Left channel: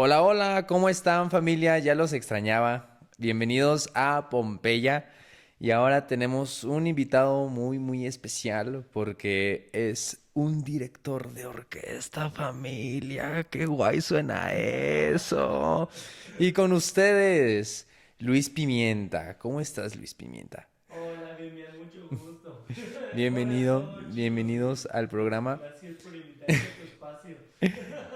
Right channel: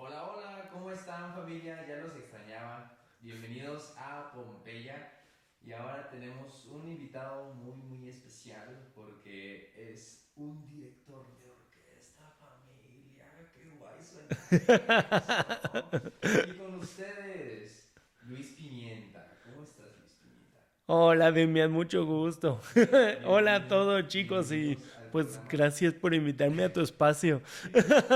Hola, hola, ¿cómo están familia? Ya los extrañaba. Bienvenidos a Pompeya. Y ahora tenemos un invitado muy especial porque es un director de orquesta, familia. Qué guay suena eso. Y con ustedes, Luis Pimienta. ¿Cómo estás, Luis Pimienta? Hola, Demian, mucho gusto. Hola a todos, chicos, y Bienvenidos al pues programa. gracias por invitarme a tu espacio.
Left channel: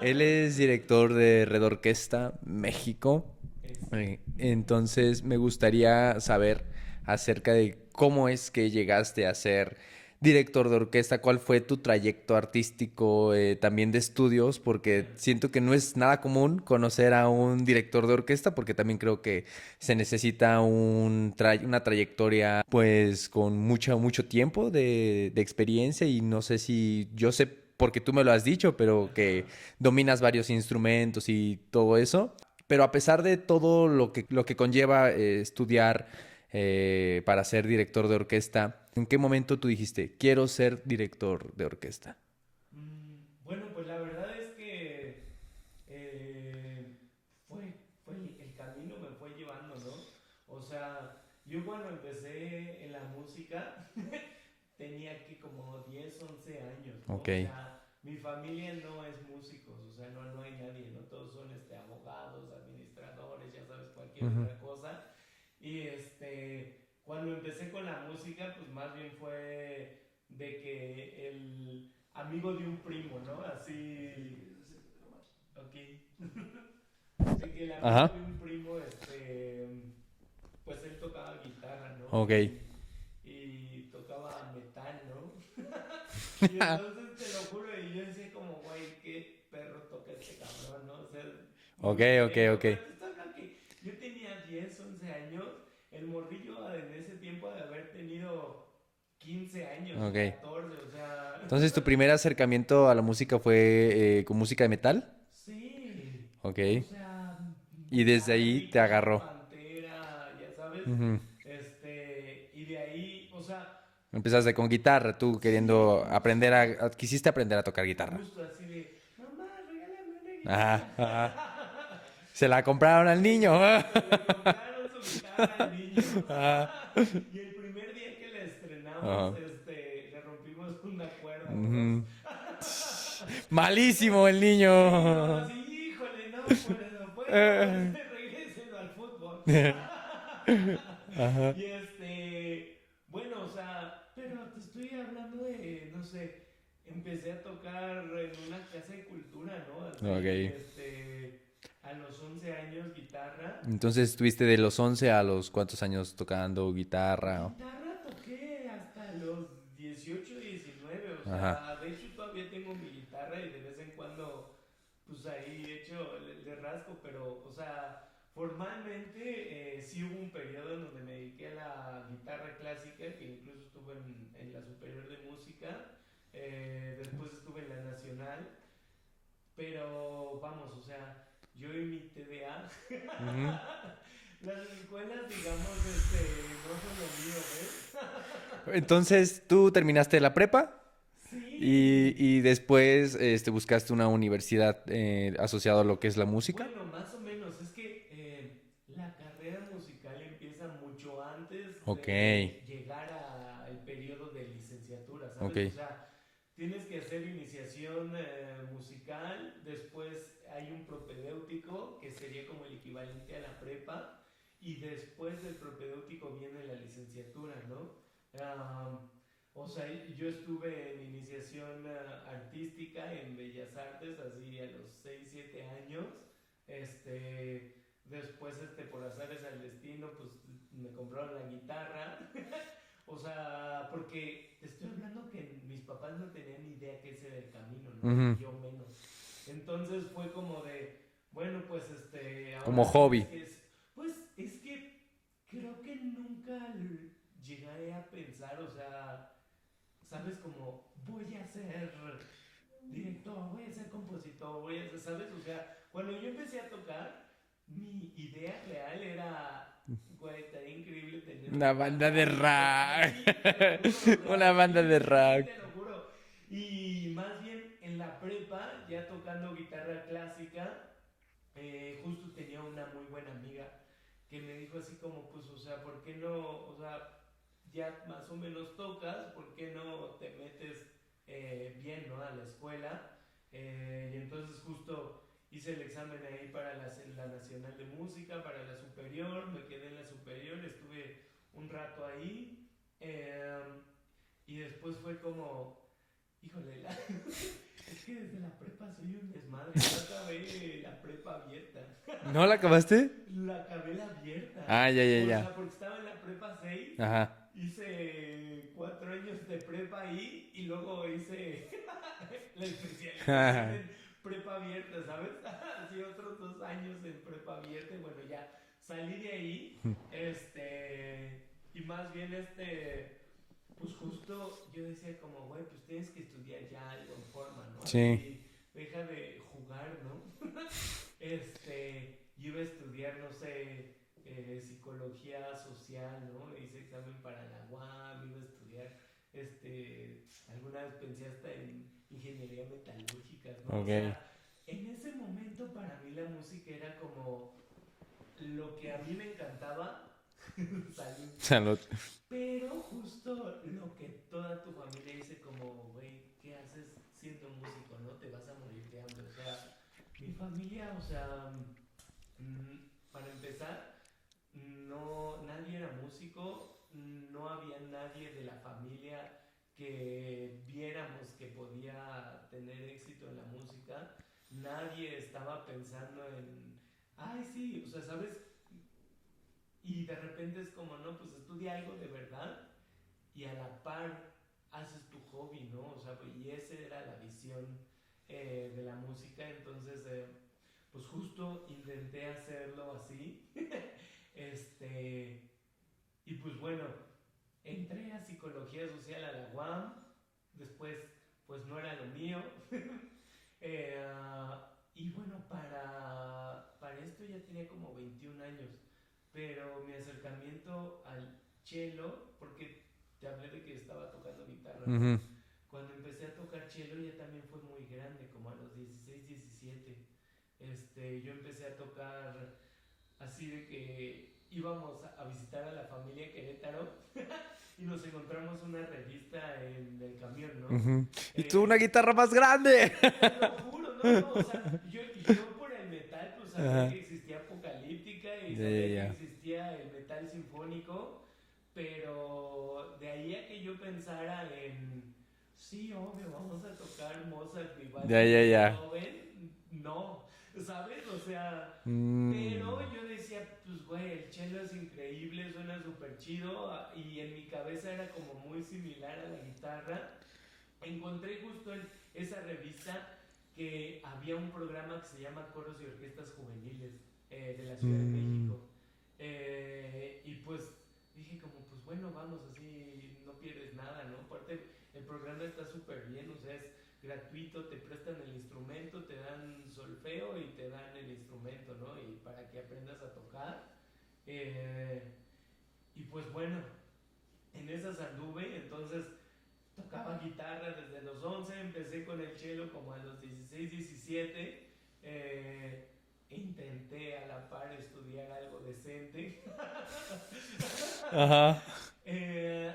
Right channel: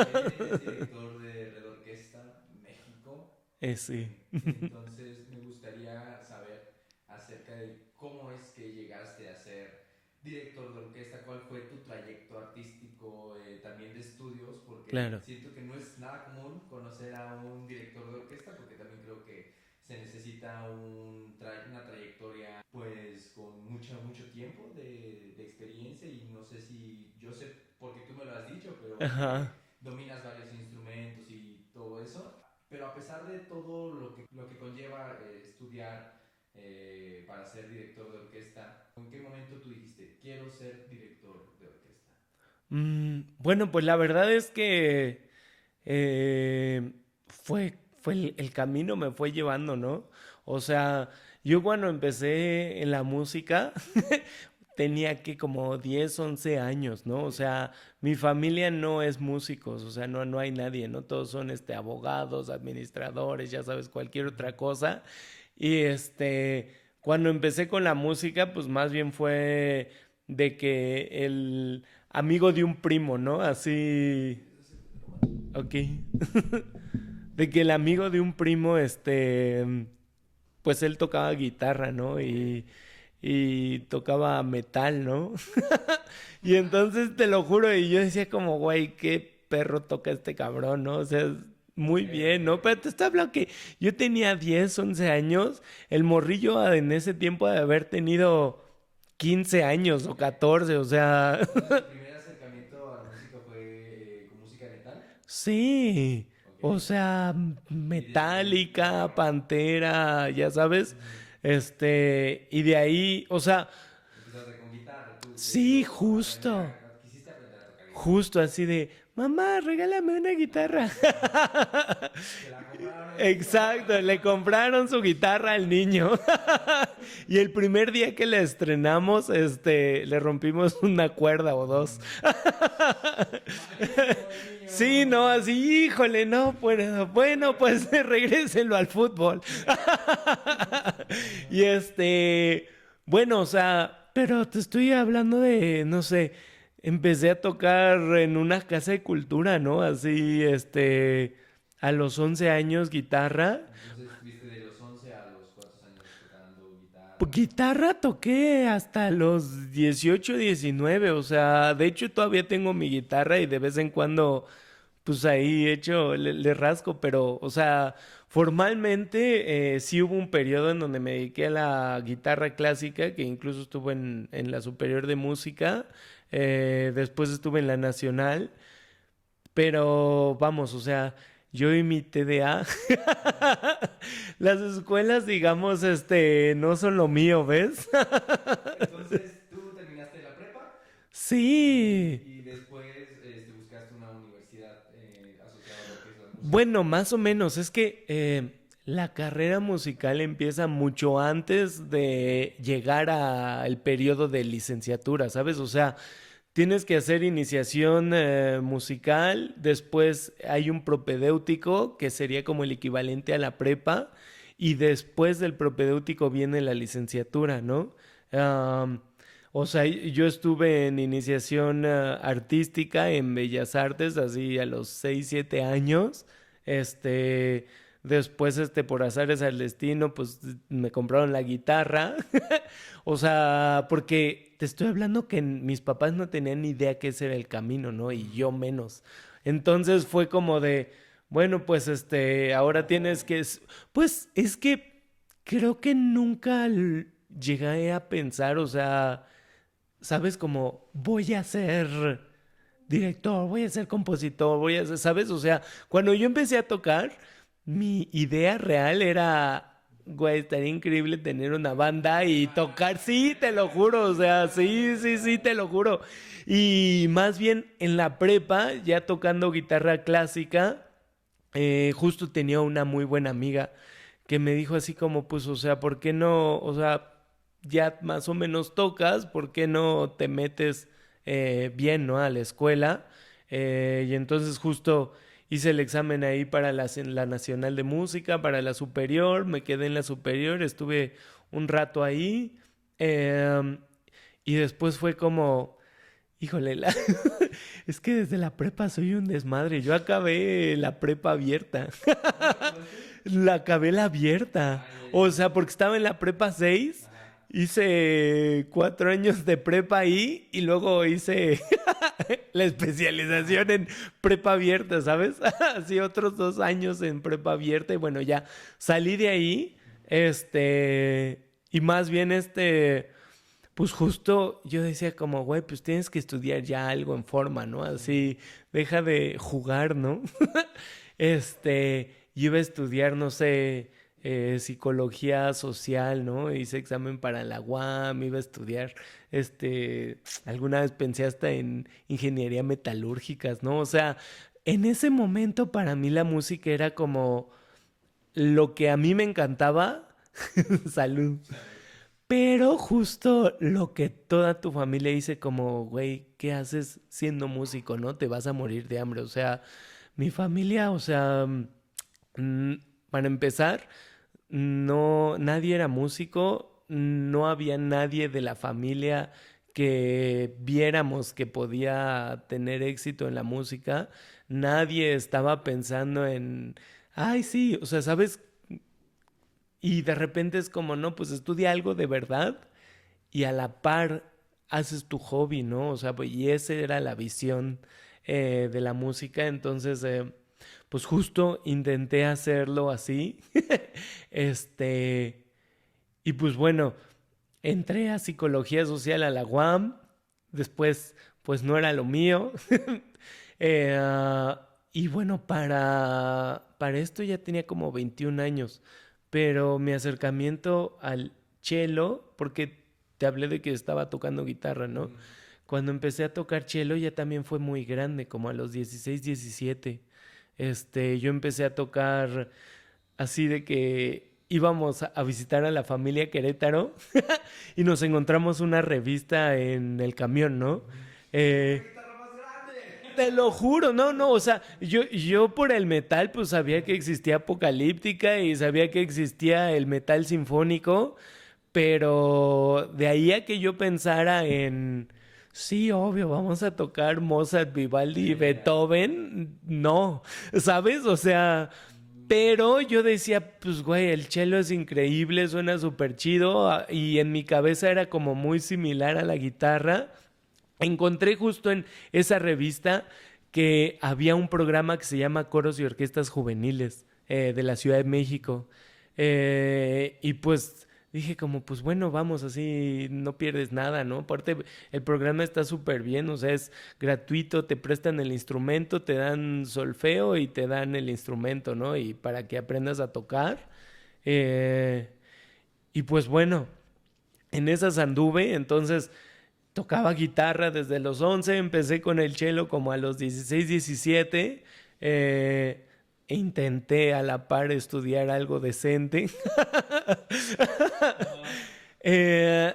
Él es director de Red Orquesta México. Sí. Entonces me gustaría saber acerca de cómo es que llegaste a ser director de orquesta, cuál fue tu trayecto artístico, también de estudios, porque Claro. siento que no es nada común conocer a un director de orquesta, porque también creo que se necesita una trayectoria pues con mucho tiempo de experiencia y no sé si yo sé porque tú me lo has dicho, pero que Ajá. dominas varios instrumentos y todo eso. Pero a pesar de todo lo que conlleva estudiar para ser director de orquesta, ¿en qué momento tú dijiste, quiero ser director de orquesta? Bueno, pues la verdad es que eh, fue el camino me fue llevando, ¿no? O sea, yo cuando empecé en la música tenía que como 10 11 años, ¿no? Ok. O sea, mi familia no es músicos, o sea, no hay nadie, ¿no? Todos son abogados, administradores, ya sabes, cualquier Ujú. otra cosa. Y cuando empecé con la música, pues más bien fue de que el amigo de un primo, ¿no? Así, ok. De que el amigo de Ajá. un primo, pues él tocaba guitarra, ¿no? Ok. Y tocaba metal, ¿no? Y entonces te lo juro, y yo decía como, güey, qué perro toca este cabrón, ¿no? O sea, Ok, muy ok, bien, ¿no? ok. Pero te estoy hablando que yo tenía 10 11 años, el morrillo en ese tiempo de haber tenido 15 años o Ok. 14, o sea, Entonces, ¿tu primer acercamiento a la música fue con música de metal? sí, Ok. o sea, Y desde ahí te Metallica, agarró. Pantera, ya sabes, Ujú. y de ahí, o sea, Empezaste con guitarra, tú sí, queriendo aprender justo. quisiste aprender a tocar guitarra. Justo así de, mamá, regálame una guitarra. Ajá, ajá. Se la compraron al niño. Exacto, le compraron su guitarra al niño. Ajá. Y el primer día que la estrenamos, Ajá. le rompimos una cuerda o dos. Ujú. Malísimo el Sí, no, niño. así, híjole, no puedo. Bueno, pues regréselo al fútbol. Ajá. Y bueno, o sea, pero te estoy hablando de, no sé, empecé a tocar en una casa de cultura, ¿no? Así, Ok. a los 11 años guitarra. Entonces estuviste de los 11 a los cuántos años tocando Pues, guitarra. guitarra toqué hasta los 18 19, o Ajá. sea, de hecho todavía tengo mi guitarra y de vez en cuando, pues ahí le rasco, pero, o sea, formalmente sí hubo un periodo en donde me dediqué a la guitarra clásica, que incluso estuve en la superior de música, después estuve en la nacional, pero vamos, o sea, yo y mi TDA, Ujú. las escuelas, digamos, no son lo mío, ¿ves? Entonces tú terminaste la prepa Sí. y después buscaste una universidad asociada a lo que es la música. Bueno, más o menos. Es que la carrera musical empieza mucho antes Ok, de llegar al periodo de licenciatura, ok. ¿sabes? O sea, tienes que hacer iniciación musical, después hay un propedéutico, que sería como el equivalente a la prepa, y después del propedéutico viene la licenciatura, ¿no? Am, o sea, yo estuve en iniciación artística en Bellas Artes, así a los 6 7 años. Este, después, por azares al destino, pues me compraron la guitarra. O sea, porque te estoy hablando que mis papás no tenían ni idea que ese era el camino, ¿no? Y Ujú. yo menos. Entonces fue como de, bueno, pues Como ahora tienes hobby. que... Pues es que creo que nunca llegué a pensar, o sea, sabes, como voy a ser director, voy a ser compositor, voy a ser, ¿sabes? O sea, cuando yo empecé a tocar, mi idea real era, güey, estaría increíble tener Una una banda banda de y tocar, rock. sí, te lo juro, o sea, Una banda sí, de sí, sí, rock. te lo juro. Y más bien en la prepa, ya tocando guitarra clásica, justo tenía una muy buena amiga que me dijo así como, pues, o sea, ¿por qué no? O sea, ya más o menos tocas, ¿por qué no te metes bien, ¿no? A la escuela. Y entonces justo hice el examen ahí para la Nacional de Música, para la superior, me quedé en la superior, estuve un rato ahí. eh, y después fue como, híjole, es que desde la prepa soy un desmadre. Yo acabé la prepa abierta. ¿No la acabaste? La acabé la abierta. Ah, ya, ya, O ya. sea, porque estaba en la prepa 6. Ajá. Hice 4 años de prepa ahí y luego hice la especialización Ajá. en prepa abierta, ¿sabes? Así otros 2 años en prepa abierta y bueno, ya salí de ahí, y más bien pues justo yo decía como, güey, pues tienes que estudiar ya algo en forma, ¿no? Sí. Así, deja de jugar, ¿no? Yo iba a estudiar, no sé, psicología social, ¿no? Hice examen para la UAM, iba a estudiar, alguna vez pensé hasta en ingeniería metalúrgicas, ¿no? O Ok. sea, en ese momento para mí la música era como lo que a mí me encantaba, salud, Salud. pero justo lo que toda tu familia dice como, güey, ¿qué haces siendo músico, no? Te vas a morir de hambre. O sea, mi familia, o sea, mm, para empezar, no, nadie era músico, no había nadie de la familia que viéramos que podía tener éxito en la música. Nadie estaba pensando en, ay, sí, o sea, ¿sabes? Y de repente es como, no, pues estudia algo de verdad y a la par haces tu hobby, ¿no? O sea, pues, y esa era la visión de la música. Entonces, pues justo intenté hacerlo así. este, y pues bueno, entré a psicología social a la UAM. Después, pues no era lo mío. Eh, ah, y bueno, para esto ya tenía como 21 años, pero mi acercamiento al cello, porque te hablé de que estaba tocando guitarra, ¿no? Ujú. Cuando empecé a tocar cello ya también fue muy grande, como a los 16 17. Yo empecé a tocar así de que íbamos a visitar a la familia Querétaro y nos encontramos una revista en el camión, ¿no? Ujú. Y tú una Eh, guitarra más grande. te lo juro, no, no, o sea, yo por el metal pues sabía que Ajá. existía Apocalíptica y Ya, ya, sabía que ya. existía el metal sinfónico, pero de ahí a que yo pensara en, sí, obvio, vamos a tocar Mozart, Ya, Vivaldi, ya, ya. Beethoven, no, ¿sabes? O sea, pero Mm. yo decía, pues güey, el cello es increíble, suena súper chido y en mi cabeza era como muy similar a la guitarra. Encontré justo en esa revista que había un programa que se llama Coros y Orquestas Juveniles de la Ciudad de Mm. México. Y pues dije como, pues bueno, vamos, así no pierdes nada, ¿no? Aparte, el programa está súper bien, o sea, es gratuito, te prestan el instrumento, te dan solfeo y te dan el instrumento, ¿no? Y para que aprendas a tocar. Eh, y pues bueno, en esas anduve, entonces tocaba guitarra desde los 11, empecé con el cello como a los 16, 17. E intenté a la par estudiar algo decente. Ajá. Eh,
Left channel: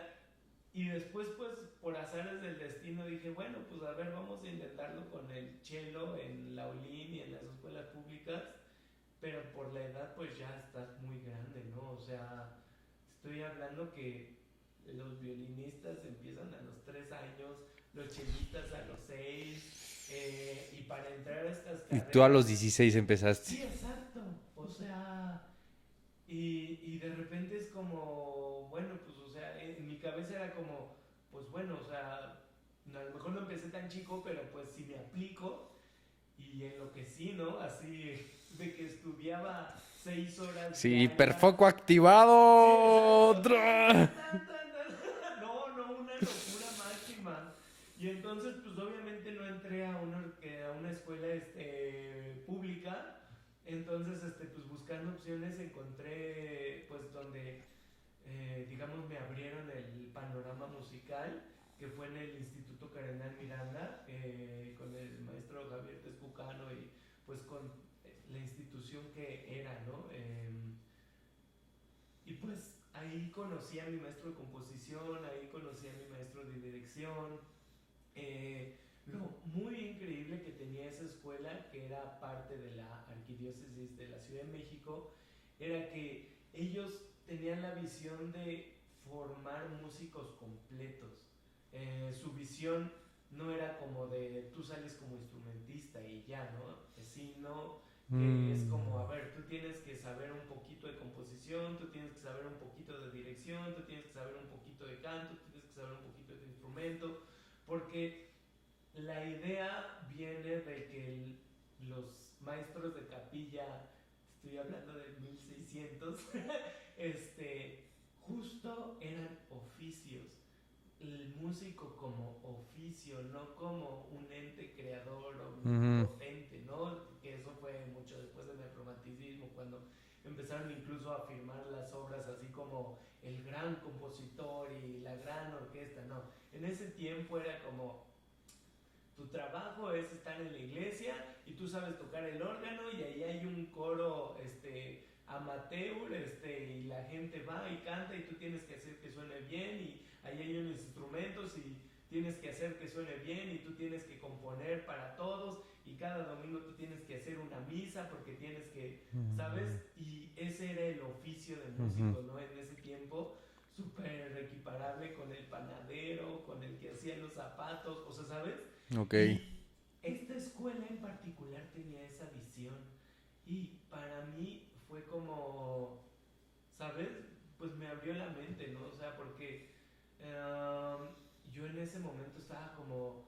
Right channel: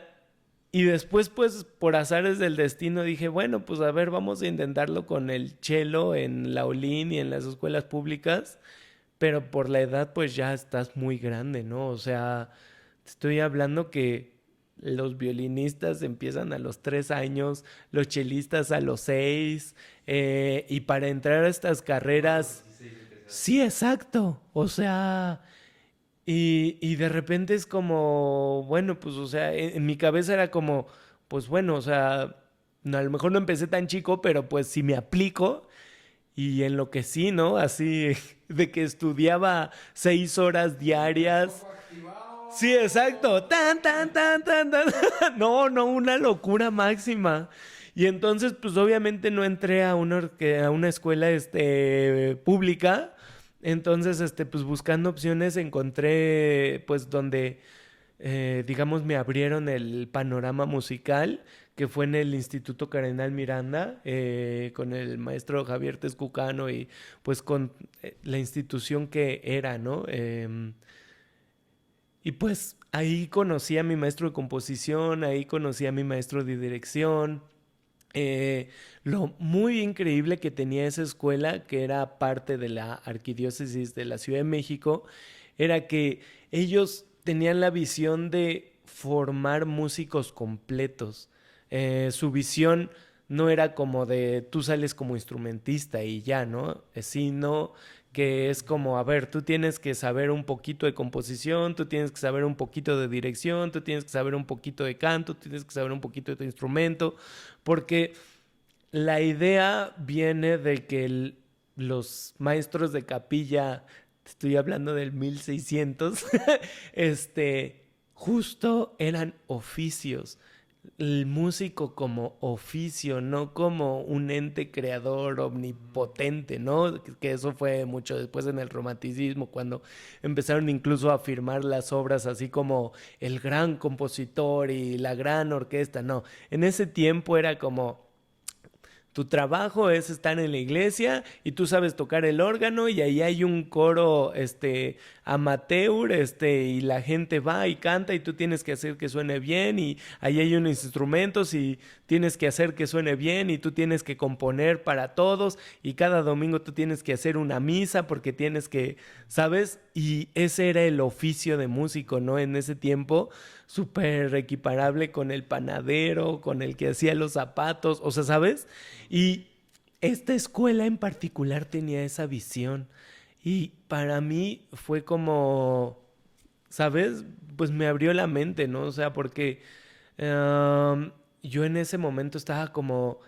y después, pues, por azares del destino, dije, bueno, pues a ver, vamos a intentarlo con el cello en la Olin y en las escuelas públicas. Pero por la edad, pues ya estás muy grande, ¿no? O sea, te estoy hablando que los violinistas empiezan a los 3 años, los chelistas a los 6, y para entrar a estas Y tú a los carreras, 16 empezaste. sí, exacto. O sea, y de repente es como, bueno, pues, o sea, en mi cabeza era como, pues bueno, o sea, no, a lo mejor no empecé tan chico, pero pues si me aplico y en lo que sí, ¿no? Así de que estudiaba 6 horas Sí, hiperfoco diarias. Sí, activado. exacto. Tan, tan, ¡Tra! tan, tan, tan. No, no, una locura máxima. Y entonces, pues obviamente no entré a una escuela pública. Entonces, pues buscando opciones encontré, pues donde, digamos, me abrieron el panorama musical, que fue en el Instituto Cardenal Miranda, con el maestro Javier Tezcucano y pues con la institución que era, ¿no? Y pues ahí conocí a mi maestro de composición, ahí conocí a mi maestro de dirección. Lo muy increíble que tenía esa escuela, que era parte de la Arquidiócesis de la Ciudad de México, era que ellos tenían la visión de formar músicos completos. Su visión no era como de tú sales como instrumentista y ya, ¿no? Sino que es como, a ver, tú tienes que saber un poquito de composición, tú tienes que saber un poquito de dirección, tú tienes que saber un poquito de canto, tú tienes que saber un poquito de tu instrumento, porque la idea viene de que los maestros de capilla, estoy hablando del 1600, justo eran oficios. El músico como oficio, no como un ente creador omnipotente, ¿no? Que eso fue mucho después en el romanticismo, cuando empezaron incluso a afirmar las obras así como el gran compositor y la gran orquesta. No, en ese tiempo era como tu trabajo es estar en la iglesia y tú sabes tocar el órgano y ahí hay un coro amateur y la gente va y canta y tú tienes que hacer que suene bien y ahí hay unos instrumentos y tienes que hacer que suene bien y tú tienes que componer para todos y cada domingo tú tienes que hacer una misa porque tienes que, ¿sabes? Y ese era el oficio de músico, ¿no? En ese tiempo súper equiparable con el panadero, con el que hacía los zapatos, o sea, ¿sabes? Okay. Y esta escuela en particular tenía esa visión y para mí fue como, ¿sabes? Pues me abrió la mente, ¿no? O sea, porque yo en ese momento estaba como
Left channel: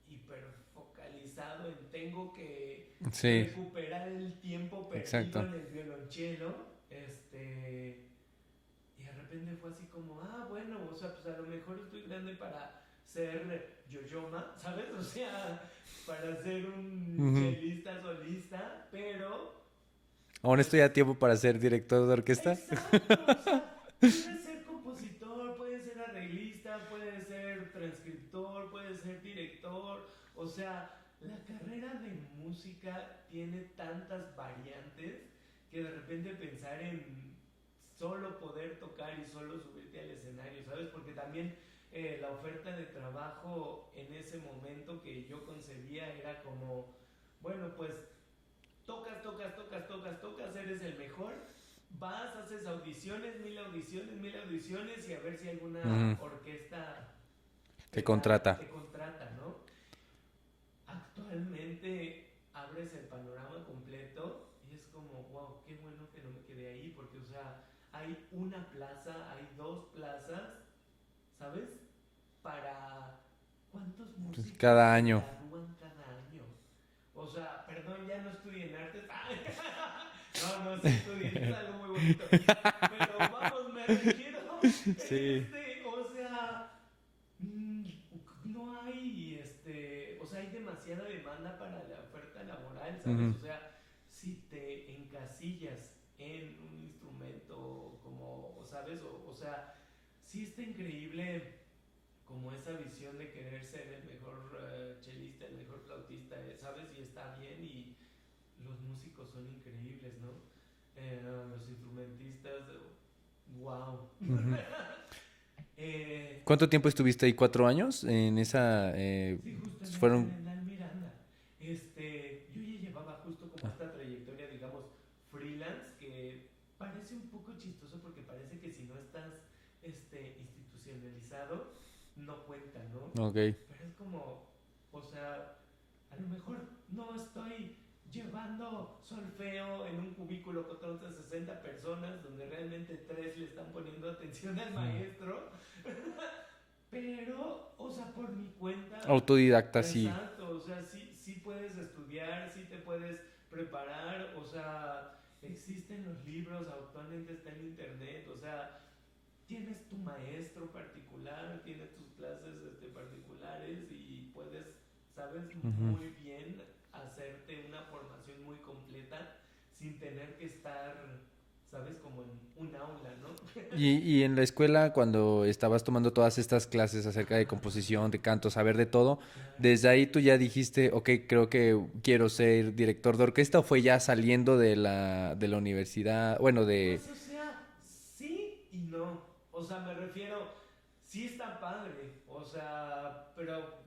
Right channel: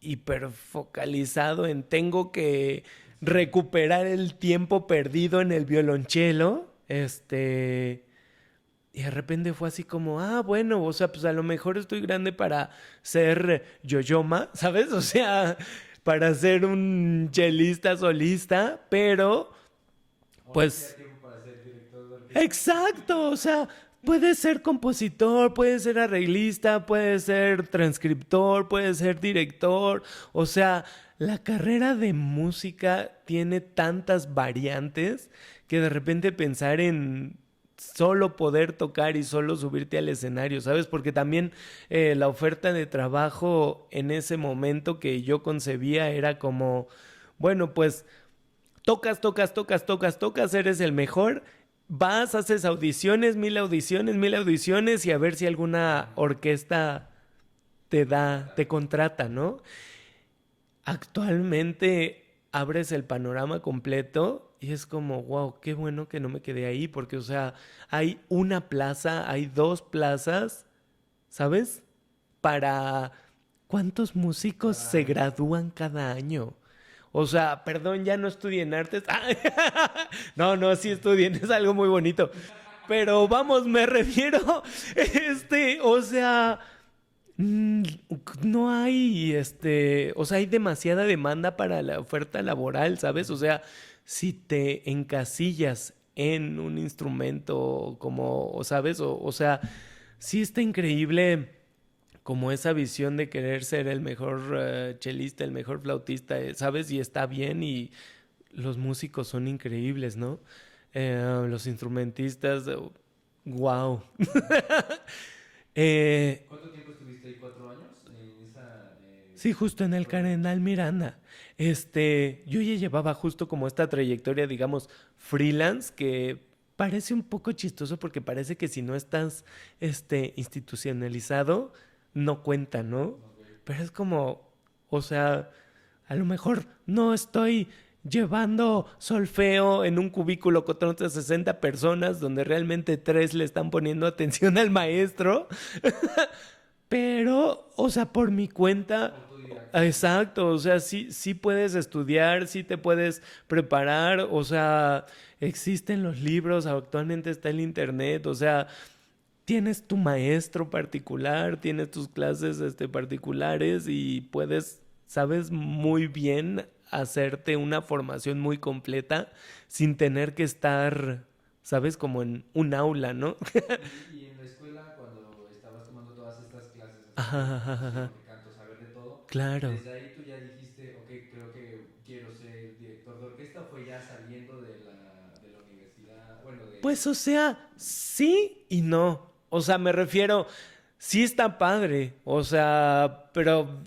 hiperfocalizado en tengo que recuperar el tiempo perdido en el violonchelo, y de repente fue así como, bueno, o sea, pues a lo mejor estoy grande para ser yoyoma, ¿sabes? O sea, para ser un chelista solista, pero Ahora estoy a tiempo para ser director de orquesta. Exacto, o sea, puedes ser compositor, puedes ser arreglista, puedes ser transcriptor, puedes ser director, o sea, la carrera de música tiene tantas variantes que de repente pensar en solo poder tocar y solo subirte al escenario, ¿sabes? Porque también la oferta de trabajo en ese momento que yo concebía era como, bueno, pues tocas, eres el mejor, vas, haces audiciones, mil audiciones y a ver si alguna orquesta te contrata, ¿no? Actualmente abres el panorama completo y es como, wow, qué bueno que no me quedé ahí, porque, o sea, hay una plaza, hay 2 plazas, ¿sabes? Para ¿cuántos músicos se gradúan cada año? O sea, perdón, ya no estudien artes. No, sí estudien, es algo muy bonito. Pero vamos, me refiero, o sea, no hay, o sea, hay demasiada demanda para la oferta laboral, ¿sabes? O sea, si te encasillas en un instrumento como, ¿sabes? O sea, sí está increíble como esa visión de querer ser el mejor chelista, el mejor flautista, ¿sabes? Y está bien y los músicos son increíbles, ¿no? Los instrumentistas, wow. ¿Cuánto tiempo estuviste ahí? ¿4 años en esa? Sí, justo en el Cardenal Miranda. Yo ya llevaba justo como esta trayectoria, digamos, freelance, que parece un poco chistoso porque parece que si no estás institucionalizado, no cuenta, ¿no? Okay. Pero es como, o sea, a lo mejor no estoy llevando solfeo en un cubículo con otras 60 personas donde realmente 3 le están poniendo atención al maestro. Pero, o sea, por mi cuenta... Autodidacta. Exacto, o sea, sí puedes estudiar, sí te puedes preparar, o sea, existen los libros, actualmente está el internet, o sea, tienes tu maestro particular, tienes tus clases particulares y puedes, sabes, muy bien hacerte una formación muy completa sin tener que estar, ¿sabes? Como en un aula, ¿no? Y en la escuela, cuando estabas tomando todas estas clases acerca de composición, de canto, saber de todo, Claro. desde ahí tú ya dijiste, ok, creo que quiero ser director de orquesta, ¿o fue ya saliendo de la universidad? Bueno, Pues, o sea, sí y no. O sea, me refiero, sí está padre. O sea, pero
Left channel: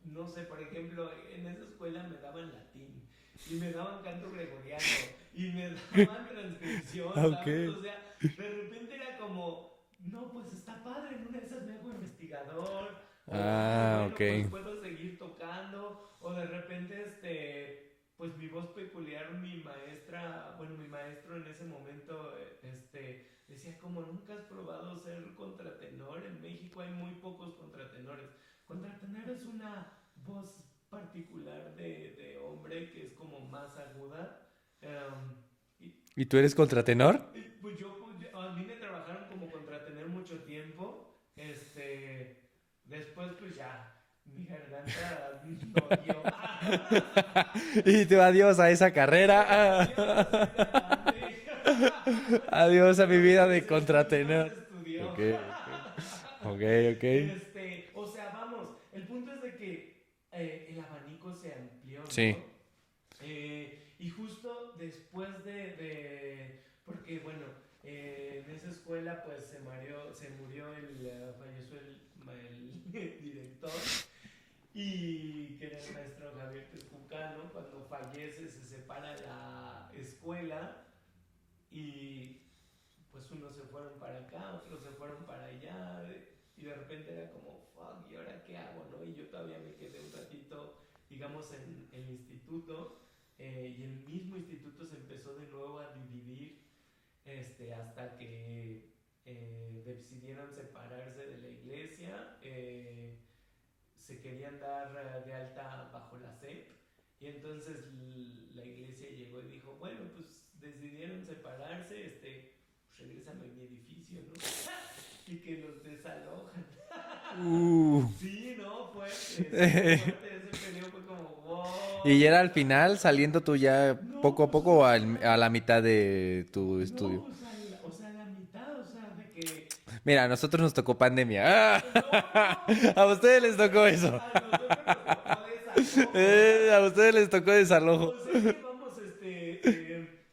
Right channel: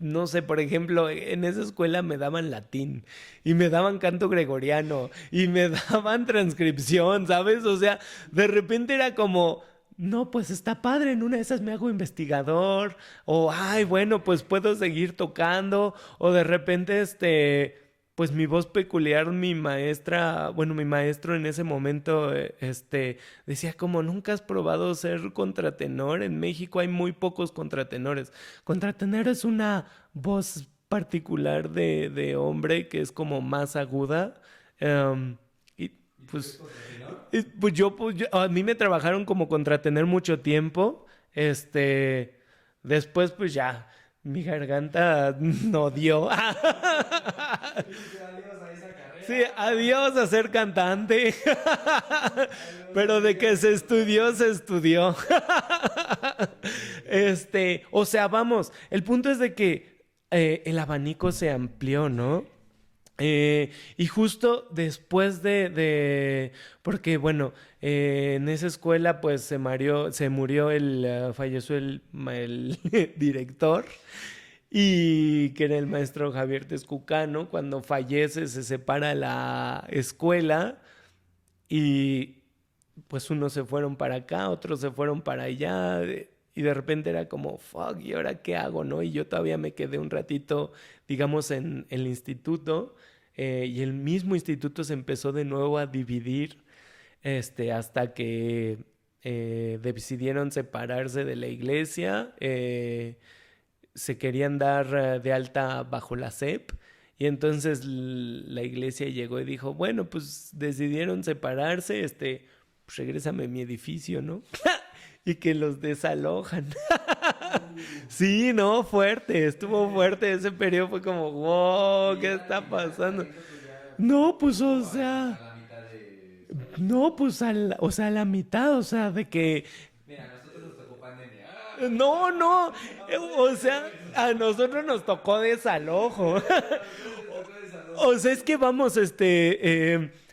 no sé, por ejemplo, en esa escuela me daban latín y me daban canto gregoriano y me daban transcripción, ¿sabes? Ok. O sea, de repente era como, no, pues está padre, en una de esas me hago investigador o, ay, Ah, bueno, ok. pues puedo seguir tocando o de repente, pues mi voz peculiar, mi maestra, bueno, mi maestro en ese momento, decía como, ¿nunca has probado ser contratenor? En México hay muy pocos contratenores. Contratenor es una voz particular de hombre que es como más aguda. Y ¿Y tú eres pues, contratenor? a mí me trabajaron como contratener mucho tiempo. Después pues ya, mi garganta no dio. Y tú adiós a esa Sí, carrera. adiós a ser cantante. Adiós a mi Pero de vida que de se estudió, contratenor. se estudió. Ok, ok, ok. O sea, vamos, el punto es de que el abanico se amplió, Sí. ¿no? Y justo después porque bueno, en esa escuela pues se murió falleció el director y que era el maestro Javier Tezcucano. Cuando fallece se separa la escuela y pues unos se fueron para acá, otros se fueron para allá, y de repente era como, fuck, ¿y ahora qué hago, no? Y yo todavía me quedé un ratito, digamos, en el instituto, y el mismo instituto se empezó de nuevo a dividir, hasta que decidieron separarse de la iglesia, se querían dar de alta bajo la SEP. Y entonces la iglesia llegó y dijo, bueno, pues decidieron separarse, pues regrésame mi edificio, ¿no? Y que los desalojan. Sí, no, fuerte, estuvo fuerte ese periodo, fue como, wow, Y ¿qué era al está final pasando? saliendo tú ya No, poco a pues, poco o a sea, la mitad de tu no, estudio. pues, o sea, a la mitad, o sea, de que Mira, a nosotros nos tocó pandemia. no, no. A ustedes O les sea, tocó eso. a nosotros nos tocó desalojo. A ustedes les tocó desalojo. O sea, es que vamos,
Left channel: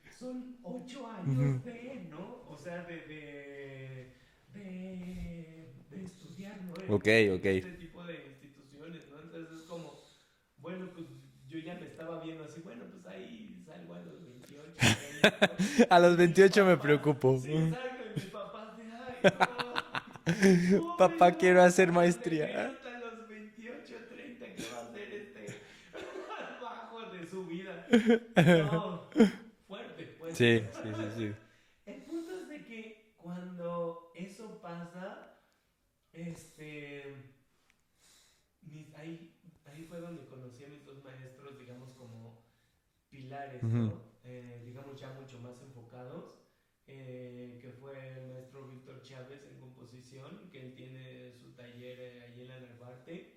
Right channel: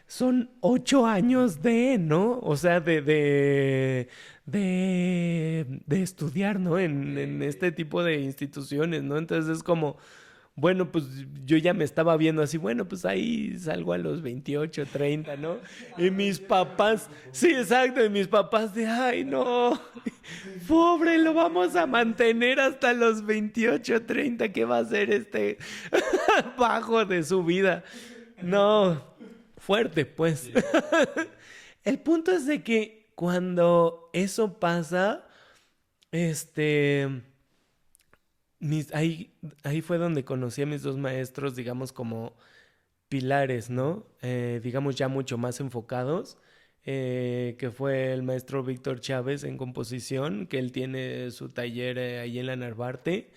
son 8 años ¿no? O sea, de estudiar, ¿no? En, Ok, en ok. este tipo de instituciones, ¿no? Entonces es como, bueno, pues yo ya me estaba viendo así, bueno, pues ahí salgo a los 28, 30, ¿no? A Y los mis 28 me papás, preocupo. sí, exacto, y mis papás de, ay, no, pobre, Papá, lo quiero vamos a hacer mantener maestría. hasta los 28, 30, ¿qué va a ser bajo de su vida? No, fuerte, pues. Sí, sí, sí, sí. El punto es de que cuando eso pasa, este, ahí fue donde conocí a mis dos maestros, digamos, como pilares, Ujú. ¿no? Digamos, ya mucho más enfocados, que fue el maestro Víctor Chávez en composición, que él tiene su taller ahí en la Narvarte,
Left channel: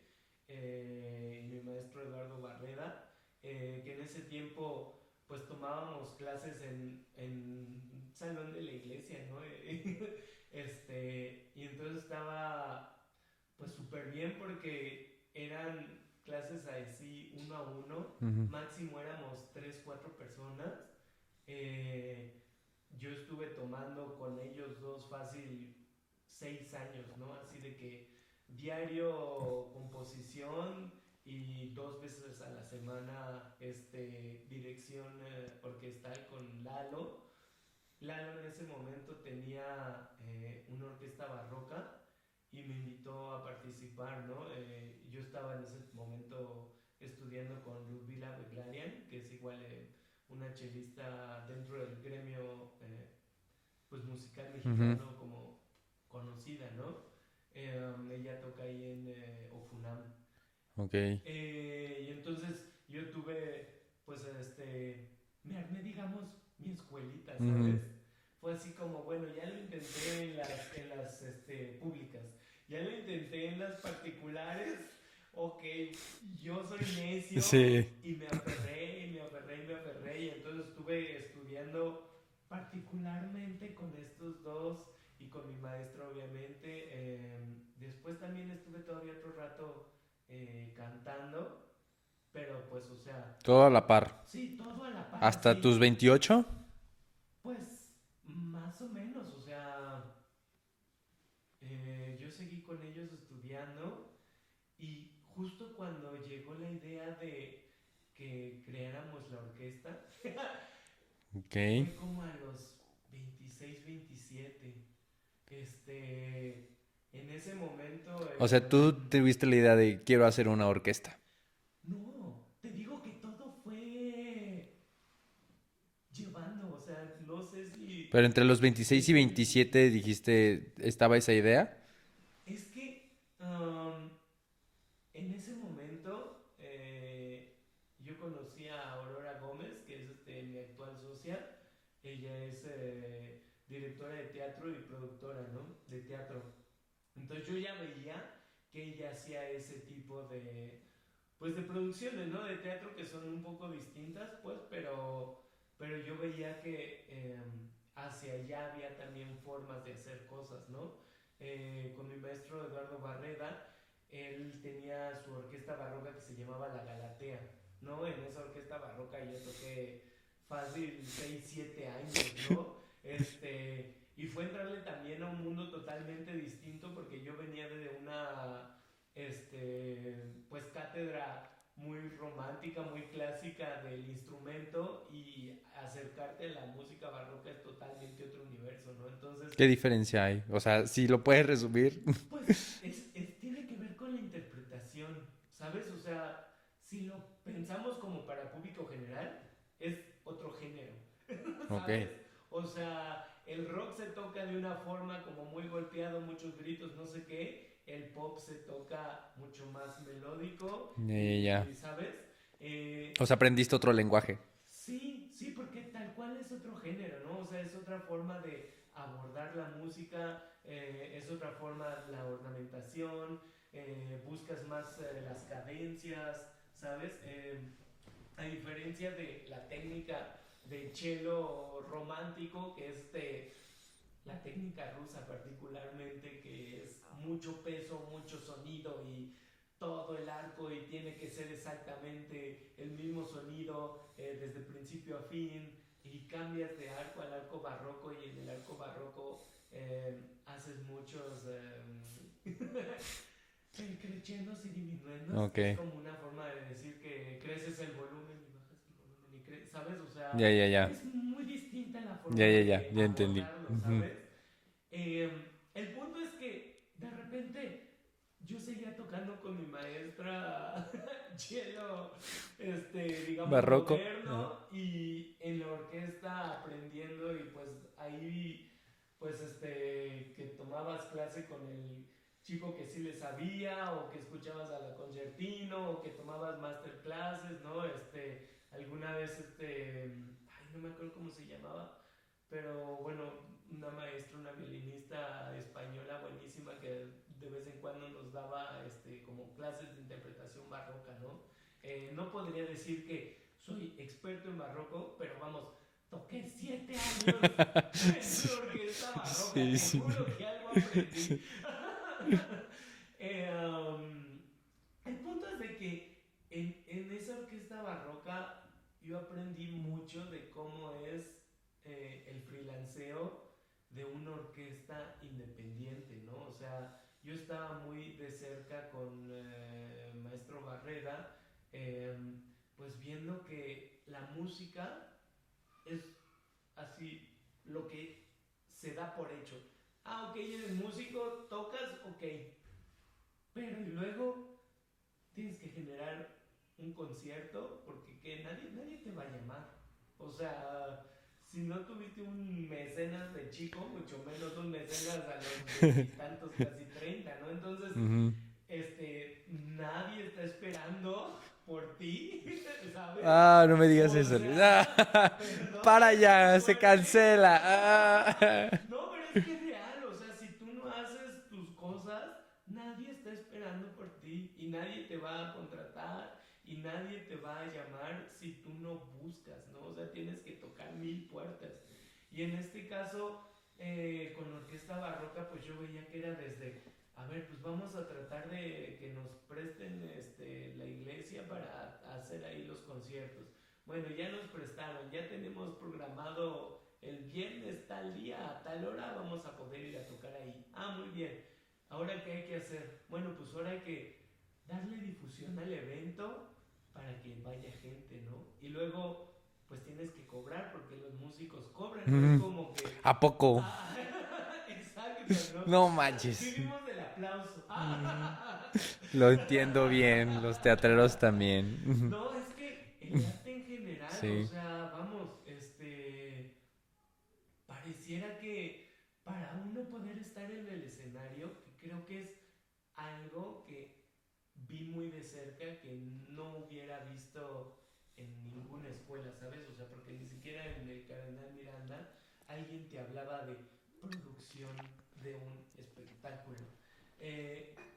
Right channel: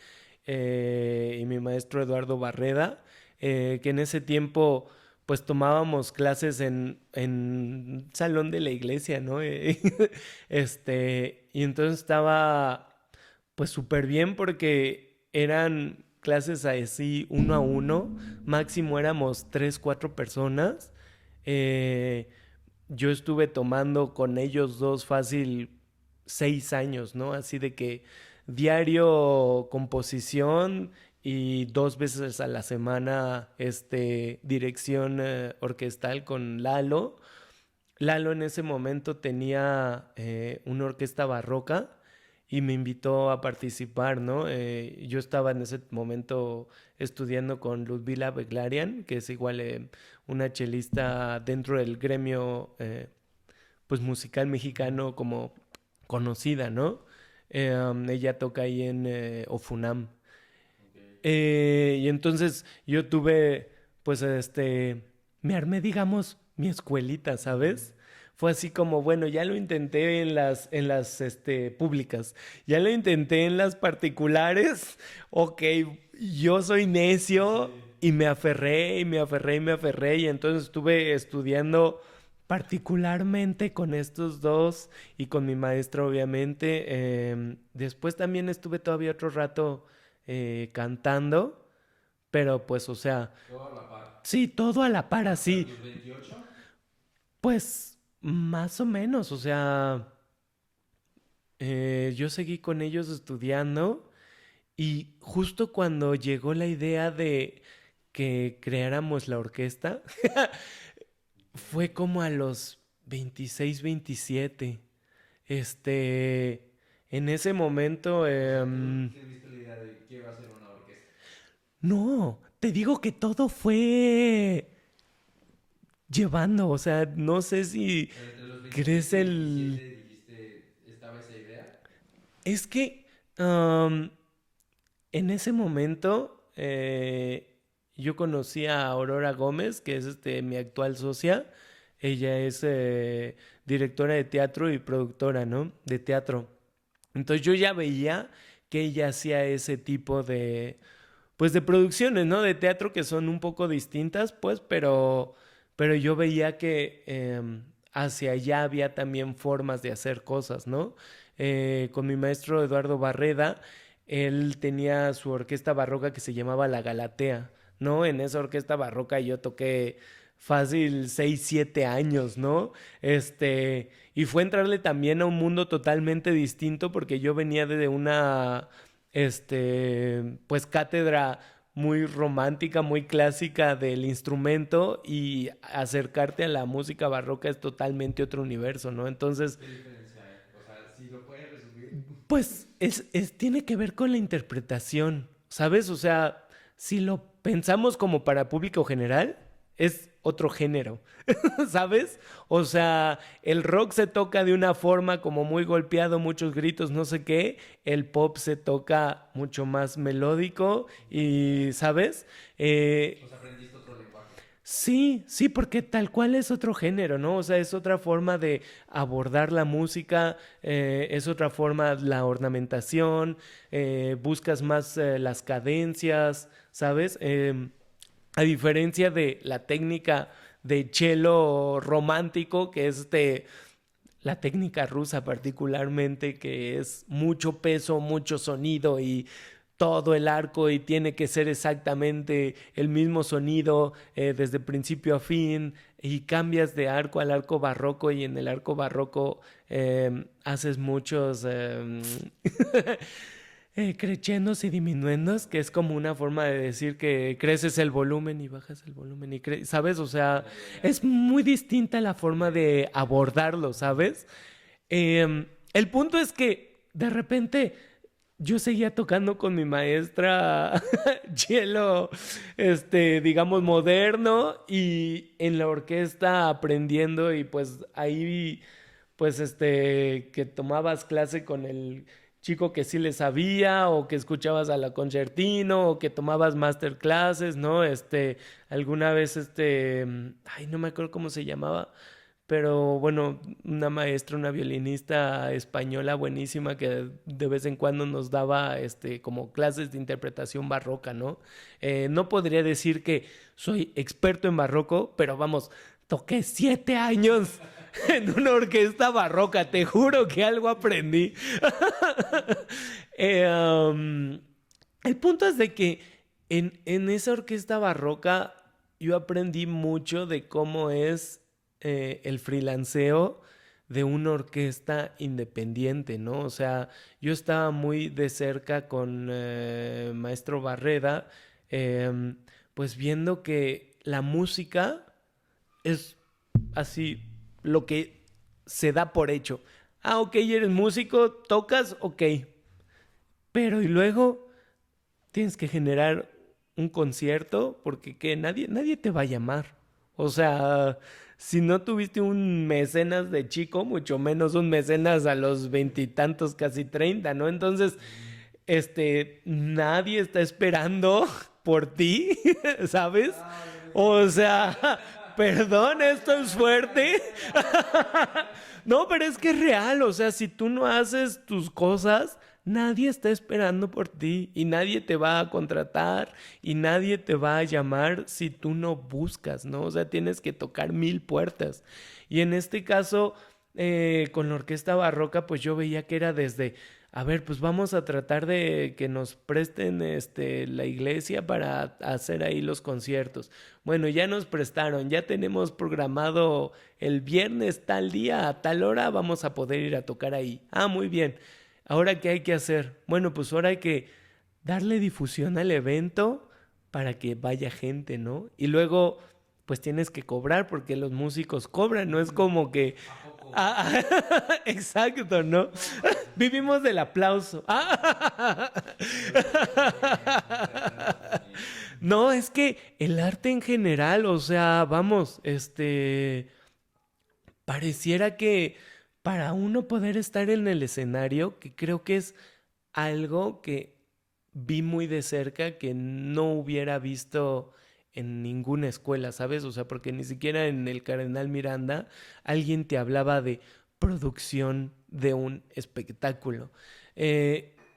y mi maestro Eduardo Barreda, que en ese tiempo pues tomábamos clases en salón de la iglesia, ¿no? Y entonces estaba pues súper bien porque eran clases así uno a uno, Ujú. máximo éramos 3, 4 personas. Eh, yo estuve tomando con ellos dos fácil 6 años, ¿no? Así de que diario composición y 2 veces a la semana dirección orquestal con Lalo. Lalo en ese momento tenía una orquesta barroca y me invitó a participar, ¿no? Yo estaba en ese momento estudiando con Ludmila Beglarian, que es igual una chelista dentro del gremio pues musical Ujú. mexicano como conocida, ¿no? Ella toca ahí en Ofunam. Ok. Y entonces yo tuve, pues, me armé, digamos, mi escuelita, Ujú. ¿sabes? Fue así como, bueno, ya lo intenté en las públicas, ya lo intenté en las particulares, ok, yo soy necio Sí. y me aferré, y me aferré, y me aferré, y entonces estuve estudiando particularmente con estos dos y con mi maestro, obviamente. Después también estuve todavía otro rato cantando, pero pues, o sea, Todo a la par. sí, todo a la par, ¿Hasta así. tus 28? Pues, más o menos, o sea, yo seguí con ellos estudiando y justo cuando llegó la idea de que creáramos la orquesta, Ok. fue como a los 26, 27. Este, en ese momento, O sea, tú tuviste la idea de quiero hacer una orquesta. no, te digo que todo fue llevando, o sea, no sé si Pero entre los 26 y crees 27 dijiste, ¿estaba esa idea? Es que en ese momento yo conocí a Aurora Gómez, que es mi actual socia. Ella es directora de teatro y productora, ¿no? De teatro. Entonces yo ya veía que ella hacía ese tipo de, pues de producciones, ¿no? De teatro que son un poco distintas, pues, pero yo veía que hacia allá había también formas de hacer cosas, ¿no? Con mi maestro Eduardo Barreda, él tenía su orquesta barroca que se llamaba La Galatea, ¿no? En esa orquesta barroca yo toqué fácil 6 7 años, ¿no? Y fue entrarle también a un mundo totalmente distinto porque yo venía de una, pues cátedra muy romántica, muy clásica del instrumento y acercarte a la música barroca es totalmente otro universo, ¿no? Entonces, ¿Qué diferencia hay? O sea, si lo puedes resumir. pues tiene que ver con la interpretación, ¿sabes? O sea, si lo pensamos como para público general, es otro género, Ok. ¿sabes? O sea, el rock se toca de una forma como muy golpeado, muchos gritos, no sé qué. El pop se toca mucho más melódico Ya. y, ¿sabes? O sea, aprendiste otro lenguaje. Sí, sí, porque tal cual es otro género, ¿no? O sea, es otra forma de abordar la música, es otra forma la ornamentación, buscas más las cadencias, ¿sabes? A diferencia de la técnica de cello romántico, que es la técnica rusa particularmente, que es mucho peso, mucho sonido y todo el arco y tiene que ser exactamente el mismo sonido desde principio a fin y cambias de arco al arco barroco y en el arco barroco haces muchos crescendos y diminuendos, que Ok. es como una forma de decir que creces el volumen y bajas el volumen y ¿sabes? O sea, Ya, ya, ya. es muy distinta la Ya, forma ya, ya. de Ya entendí. abordarlo, Ujú. ¿sabes? El punto es que de repente yo seguía tocando con mi maestra cello, digamos, Barroco. moderno y en la orquesta aprendiendo y pues ahí, pues, que tomabas clase con el chico que sí le sabía o que escuchabas a la concertino o que tomabas masterclasses, ¿no? Alguna vez, ay, no me acuerdo cómo se llamaba, pero bueno, una maestra, una violinista española buenísima que de vez en cuando nos daba como clases de interpretación barroca, ¿no? No podría decir que soy experto en barroco, pero vamos, toqué 7 años en una orquesta barroca, Sí, te sí. juro que algo aprendí. Eh, um, el punto es de que en esa orquesta barroca yo aprendí mucho de cómo es el freelanceo de una orquesta independiente, ¿no? O sea, yo estaba muy de cerca con Maestro Barreda, eh, pues viendo que la música es así lo que se da por hecho. Ah, ok, eres músico, tocas, ok. Pero y luego tienes que generar un concierto porque que nadie te va a llamar. O sea, si no tuviste un mecenas de chico, mucho menos un mecenas a los veintitantos, casi 30, ¿no? Entonces, Ujú. nadie está esperando por ti, ¿sabes? Ah, no me digas O eso. sea, perdona, Para es con ya, se suerte. cancela. Ah. No, pero es que es real, o sea, si tú no haces tus cosas, nadie está esperando por ti y nadie te va a contratar y nadie te va a llamar si tú no buscas, ¿no? O sea, tienes que tocar 1000 puertas. Y en este caso, con la orquesta barroca, pues yo veía que era desde, a ver, pues vamos a tratar de que nos presten la iglesia para hacer ahí los conciertos. Bueno, ya nos prestaron, ya tenemos programado el viernes tal día a tal hora vamos a poder ir a tocar ahí. Ah, muy bien. Ahora, ¿qué hay que hacer? Bueno, pues ahora hay que darle difusión al evento para que vaya gente, ¿no? Y luego, pues tienes que cobrar porque los músicos cobran, no es como que... ¿A poco? Exacto, ¿no? No manches. Vivimos del aplauso. Lo entiendo bien, los teatreros también. No, es que el arte en general, Sí. o sea, vamos, pareciera que para uno poder estar en el escenario, que creo que es algo que vi muy de cerca que no hubiera visto en ninguna escuela, ¿sabes? O sea, porque ni siquiera en el Cardenal Miranda alguien te hablaba de producción de un espectáculo.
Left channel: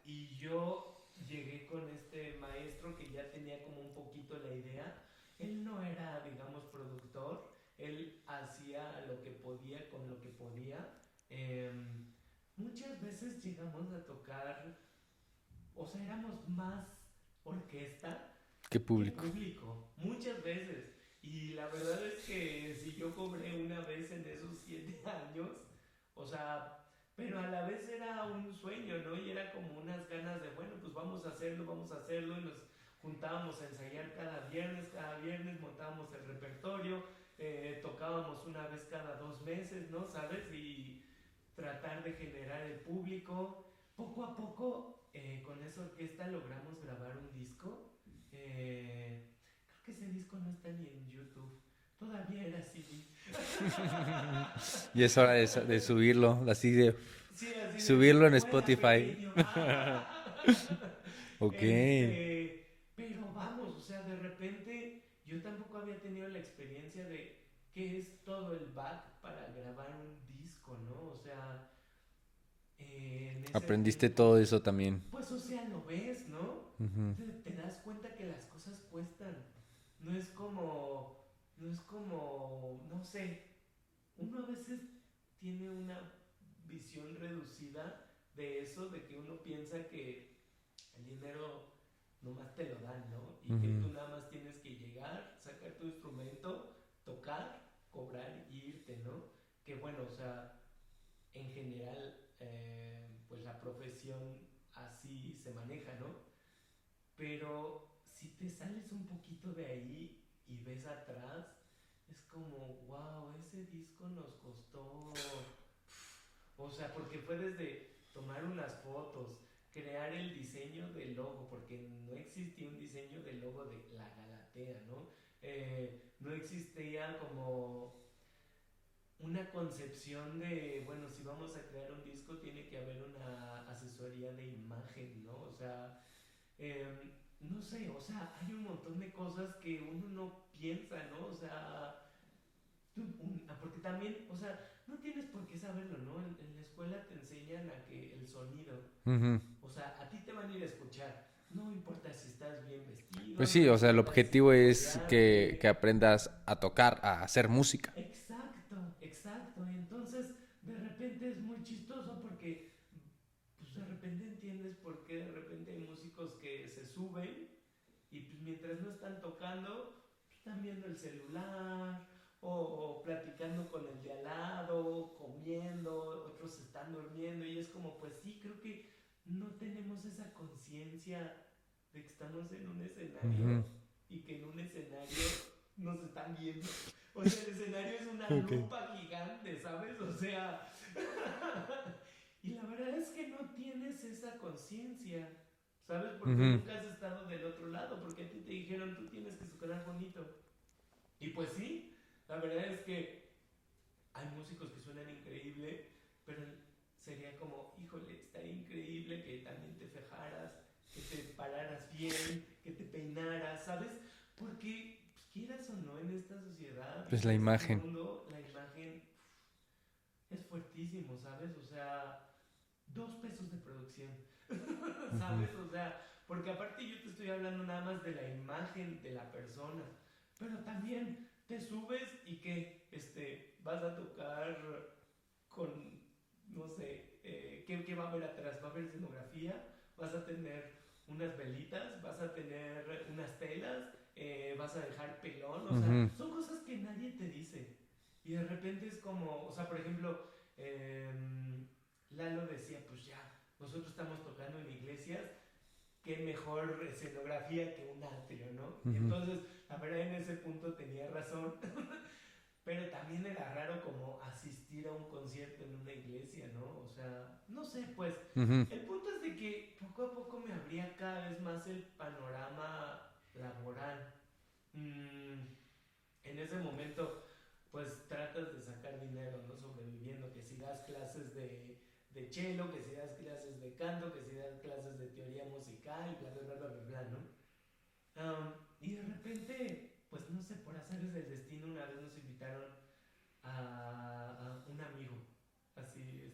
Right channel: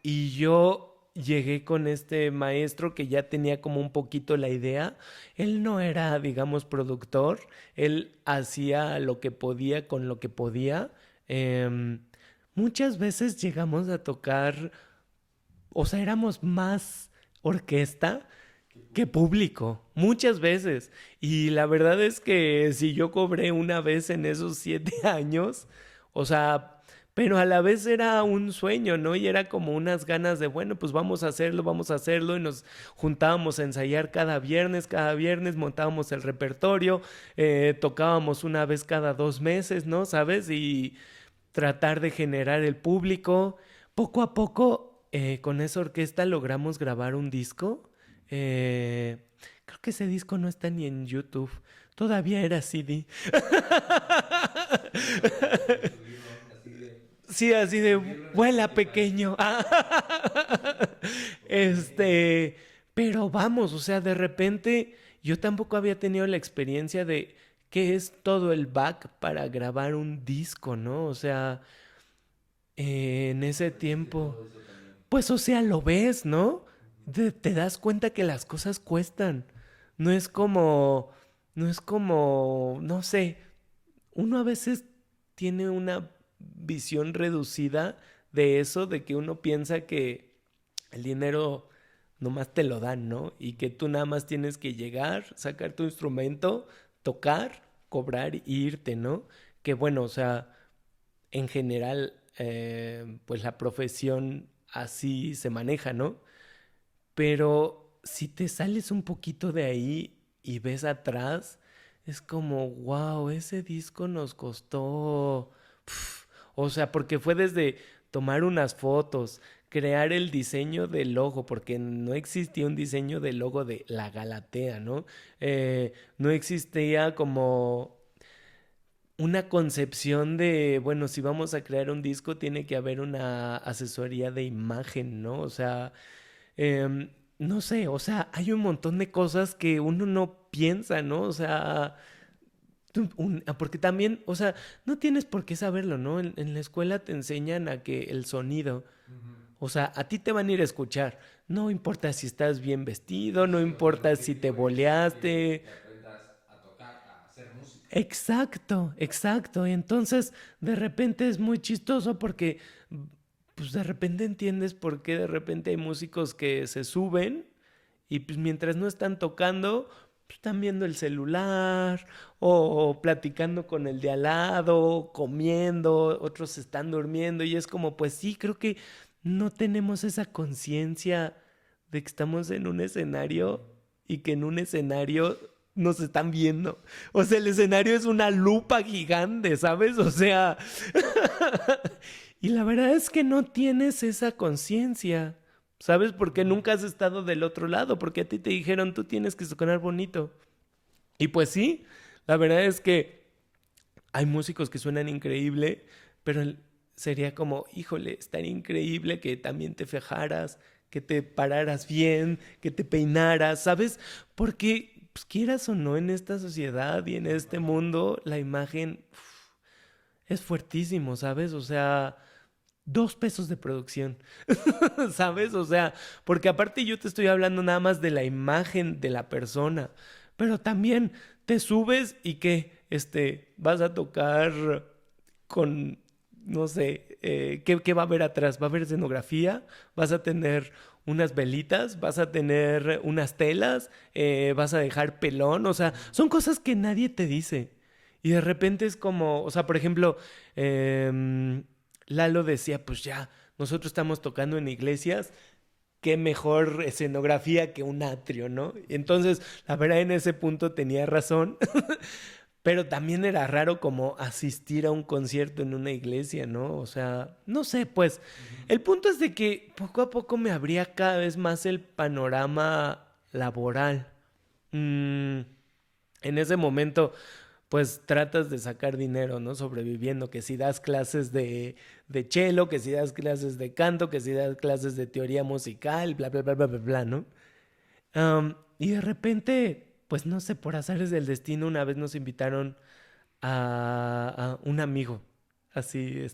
Y yo llegué con este maestro que ya tenía como un poquito la idea. Él no era, digamos, productor, él hacía lo que podía con lo que podía. Em, Muchas veces llegamos a tocar, o sea, éramos más orquesta Qué que público. público, muchas veces. Y la verdad es que si yo cobré una vez en esos 7 años, o sea, pero a la vez era un sueño, ¿no? Y era como unas ganas de, bueno, pues vamos a hacerlo, y nos juntábamos a ensayar cada viernes montábamos el repertorio, tocábamos una vez cada 2 meses, ¿no? ¿Sabes? Y tratar de generar el público. Poco a poco, con esa orquesta logramos grabar un disco. Creo que ese disco no está ni en YouTube. Todavía era CD. Y es hora de subirlo, así de Sí, así de subirlo en vuela Spotify. pequeño. Ok. Pero vamos, o sea, de repente yo tampoco había tenido la experiencia de qué es todo el back para grabar un disco, ¿no? O sea, en ese Aprendiste tiempo, todo eso también. pues, o sea, lo ves, ¿no? Ujú. Te das cuenta que las cosas cuestan. No es como, no sé, uno a veces tiene una visión reducida de eso, de que uno piensa que el dinero nomás te lo dan, ¿no? Y que tú Ujú. nada más tienes que llegar, sacar tu instrumento, tocar, cobrar y irte, ¿no? Que bueno, o sea, en general, pues la profesión así se maneja, ¿no? Pero si te sales un poquito de ahí y ves atrás, es como, wow, ese disco nos costó... pf". O sea, porque fue desde tomar unas fotos, crear el diseño del logo, porque no existía un diseño del logo de la Galatea, ¿no? No existía como una concepción de, bueno, si vamos a crear un disco, tiene que haber una asesoría de imagen, ¿no? O sea, no sé, o sea, hay un montón de cosas que uno no piensa, ¿no? O sea, porque también, o sea, no tienes por qué saberlo, ¿no? En la escuela te enseñan a que el sonido, Ujú. o sea, a ti te van a ir a escuchar. No importa si estás bien vestido, Pues no sí, o sea, el importa si te objetivo es que boleaste. aprendas a tocar, a hacer música. Exacto, exacto. Y entonces de repente es muy chistoso porque pues de repente entiendes por qué de repente hay músicos que se suben y pues mientras no están tocando, pues, están viendo el celular o platicando con el de al lado, comiendo, otros están durmiendo y es como, pues sí, creo que no tenemos esa conciencia de que estamos en un Ujú. escenario y que en un escenario nos están viendo. O sea, el escenario es una lupa gigante, ¿sabes? O sea, y la verdad es que no tienes esa conciencia, ¿sabes? Porque Ujú. nunca has estado del otro lado, porque a ti te dijeron, tú tienes que sonar bonito. Y pues sí, la verdad es que hay músicos que suenan increíble, pero sería como, híjole, estaría increíble que también te fijaras, que te pararas bien, que te peinaras, ¿sabes? Porque, pues, quieras o no, en esta sociedad y Es en la este imagen. mundo, la imagen es fuertísimo, ¿sabes? O sea, 2 pesos de producción, ¿sabes? O sea, porque aparte yo te estoy hablando nada más de la imagen de la persona, pero también te subes y que, vas a tocar con, no sé, ¿qué va a haber atrás? ¿Va a haber escenografía? ¿Vas a tener unas velitas? ¿Vas a tener unas telas? ¿Vas a dejar pelón? O sea, Ujú. son cosas que nadie te dice. Y de repente es como, o sea, por ejemplo, Lalo decía, pues ya, nosotros estamos tocando en iglesias, qué mejor escenografía que un atrio, ¿no? Y Ujú. entonces, la verdad, en ese punto tenía razón, pero también era raro como asistir a un concierto en una iglesia, ¿no? O sea, no sé, pues, Ujú. el punto es de que poco a poco me abría cada vez más el panorama laboral. Mm, en ese momento pues tratas de sacar dinero, ¿no? Sobreviviendo, que si das clases de cello, que si das clases de canto, que si das clases de teoría musical, bla, bla, bla, bla, bla, bla, ¿no? Y de repente, pues no sé, por azares del destino, una vez nos invitaron a un amigo, así,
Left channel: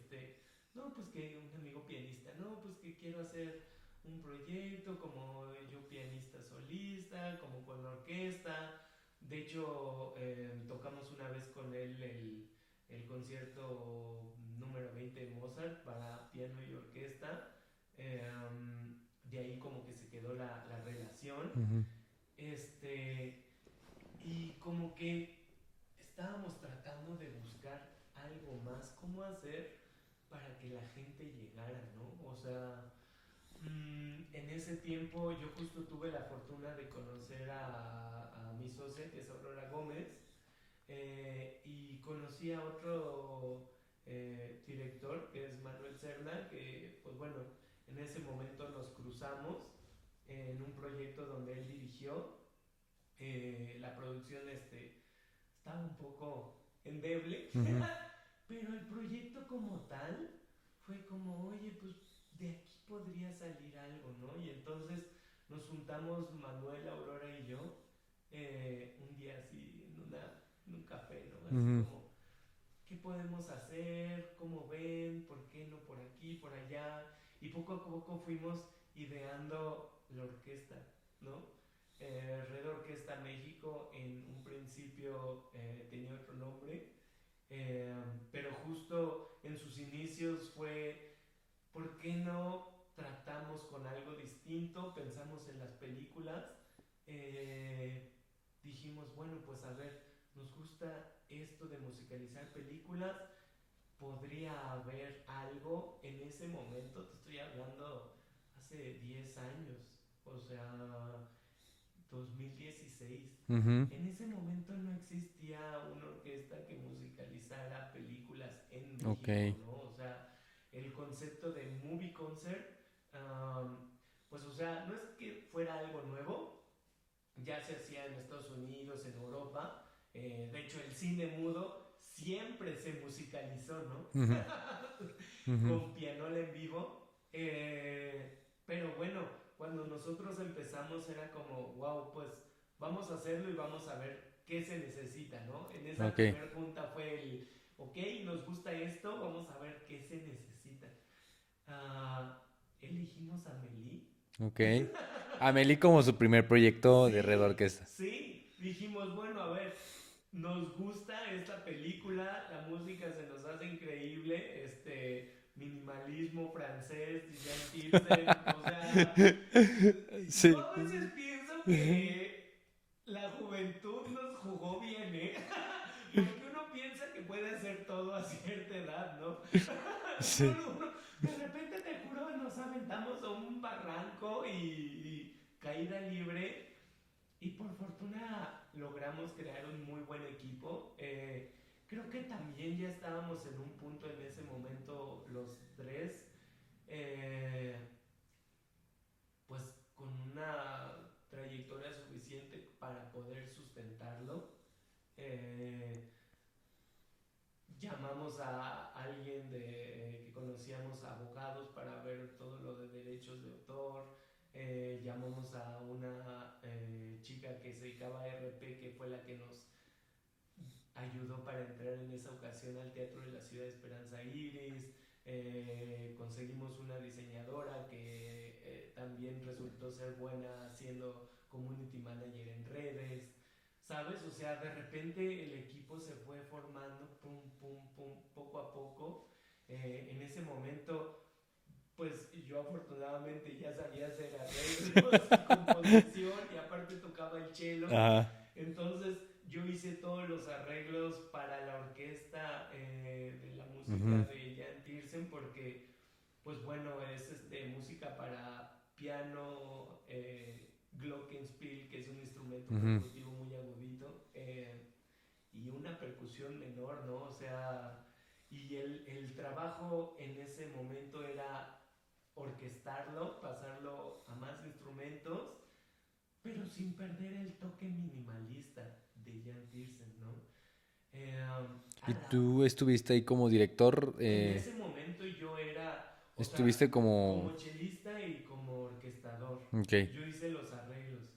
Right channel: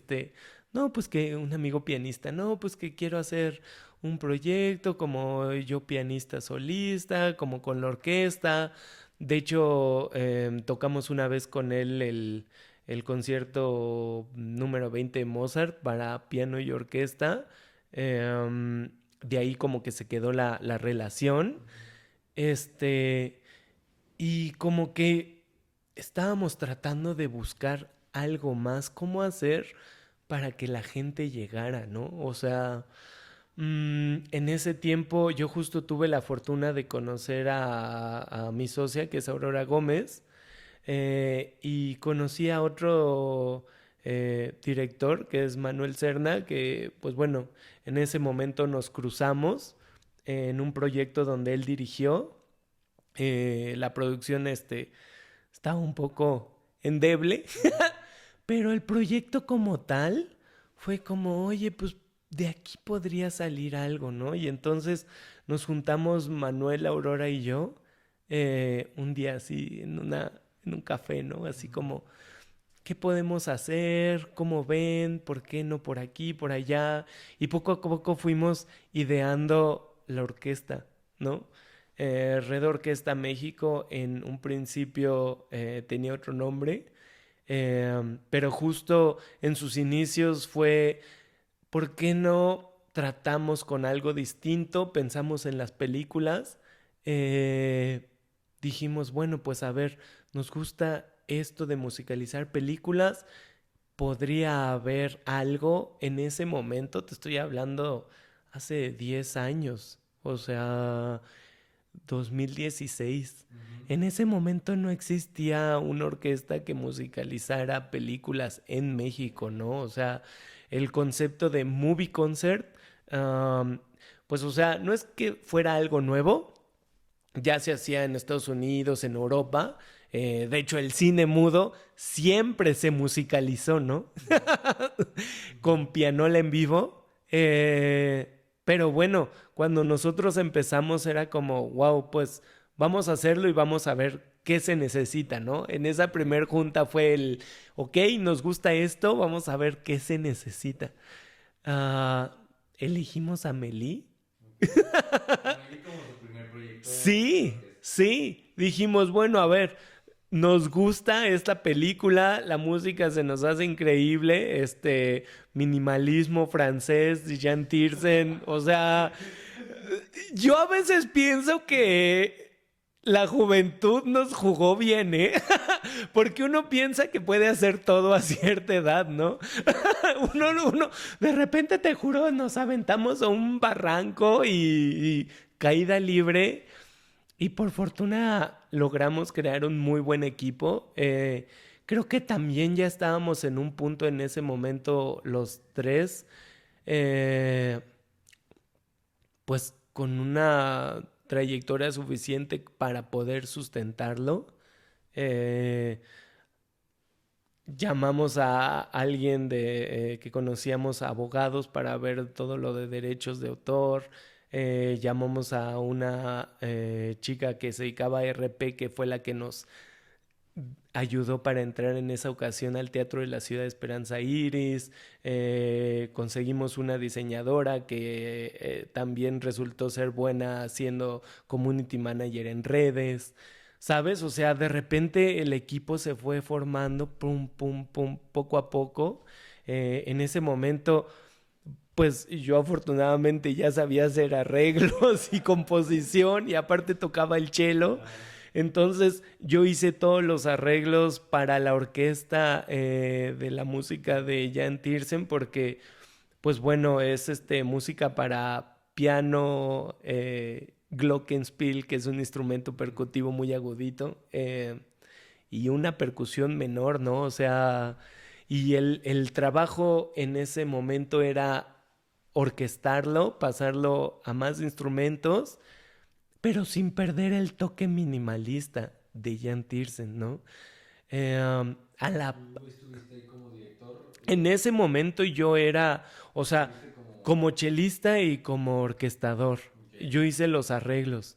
no, pues que un amigo pianista, no, pues que quiero hacer un proyecto como yo pianista solista, como con la orquesta. De hecho, tocamos una vez con él el concierto número 20 de Mozart para piano y orquesta. De ahí como que se quedó la relación. Ujú. Este, y como que estábamos tratando de buscar algo más, cómo hacer para que la gente llegara, ¿no? O sea, en ese tiempo yo justo tuve la fortuna de conocer a mi socia, que es Aurora Gómez, y conocí a otro director, que es Manuel Serna, que pues bueno, en ese momento nos cruzamos en un proyecto donde él dirigió. La producción estaba un poco endeble, Ujú. pero el proyecto como tal fue como, oye, pues de aquí podría salir algo, ¿no? Y entonces nos juntamos Manuel, Aurora y yo un día así en un café, ¿no? Así Ujú. como, ¿qué podemos hacer? ¿Cómo ven? ¿Por qué no por aquí, por allá? Y poco a poco fuimos ideando la orquesta, ¿no? Red Orquesta México en un principio tenía otro nombre, pero justo en sus inicios fue, ¿por qué no tratamos con algo distinto? Pensamos en las películas, eh, dijimos, bueno, pues a ver, nos gusta esto de musicalizar películas, podría haber algo en ese momento, te estoy hablando hace 10 años, o sea, 2016. Ujú. En ese momento no existía una orquesta que musicalizara películas en Ok. México, ¿no? O sea, el concepto de movie concert, um, pues o sea, no es que fuera algo nuevo, ya se hacía en Estados Unidos, en Europa. De hecho, el cine mudo siempre se musicalizó, ¿no? Ujú. Ujú. Con pianola en vivo. Pero bueno, cuando nosotros empezamos era como, wow, pues vamos a hacerlo y vamos a ver qué se necesita, ¿no? En esa Ok. primer junta fue el, ok, nos gusta esto, vamos a ver qué se necesita. Ah, elegimos a Meli. Ok. Amelie como su primer proyecto de Red Sí, Orquesta. sí. Dijimos, bueno, a ver, nos gusta esta película, la música se nos hace increíble, minimalismo francés, Jean Tiersen, o sea, yo Sí. a veces pienso Ujú. que la juventud nos jugó bien, ¿eh? Porque uno piensa que puede hacer todo a cierta edad, ¿no? Sí. Uno, de repente te juro, nos aventamos a un barranco y caída libre. Y por fortuna logramos crear un muy buen equipo. Creo que también ya estábamos en un punto en ese momento los tres, eh, pues con una trayectoria suficiente para poder sustentarlo. Eh, Llamamos a alguien que conocíamos, abogados, para ver todo lo de derechos de autor. Llamamos a una chica que se dedicaba a RP, que fue la que nos ayudó para entrar en esa ocasión al Teatro de la Ciudad de Esperanza Iris. Conseguimos una diseñadora que también resultó ser buena haciendo community manager en redes, ¿sabes? O sea, de repente el equipo se fue formando, pum, pum, pum, poco a poco. En ese momento, pues yo afortunadamente ya sabía hacer arreglos y composición y aparte tocaba el cello. Ajá. Entonces yo hice todos los arreglos para la orquesta de la música Ujú. de Jan Tiersen porque, pues bueno, es música para piano, glockenspiel, que es un instrumento Ujú. percutivo muy agudito, y una percusión menor, ¿no? O sea, y el trabajo en ese momento era orquestarlo, pasarlo a más instrumentos, pero sin perder el toque minimalista de Jan Tiersen, ¿no? A ¿Y la tú estuviste ahí como director? En ese momento yo era, o sea, Estuviste como como... chelista y como orquestador. Ok. Yo hice los arreglos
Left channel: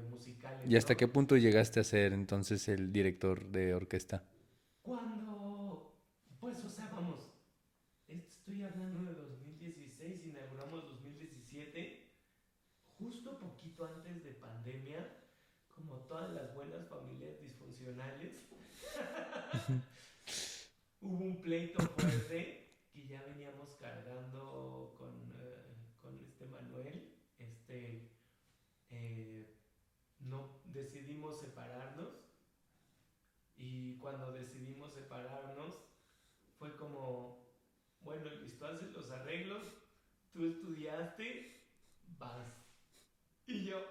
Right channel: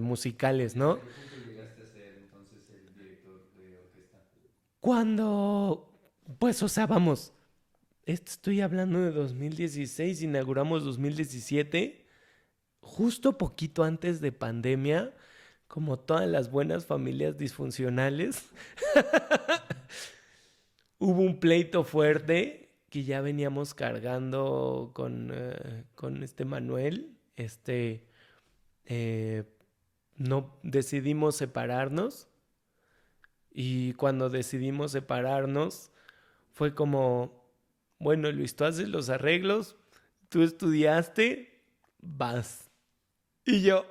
musicales, ¿Y hasta ¿no? qué punto llegaste a ser entonces el director de orquesta? Cuando, pues, o sea, vamos, estoy hablando de 2016, inauguramos 2017, justo poquito antes de pandemia, como todas las buenas familias disfuncionales, hubo un pleito fuerte que ya veníamos cargando con este Manuel. Eh, no decidimos separarnos y cuando decidimos separarnos fue como, bueno, Luis, tú haces los arreglos, tú estudiaste, vas. Y yo,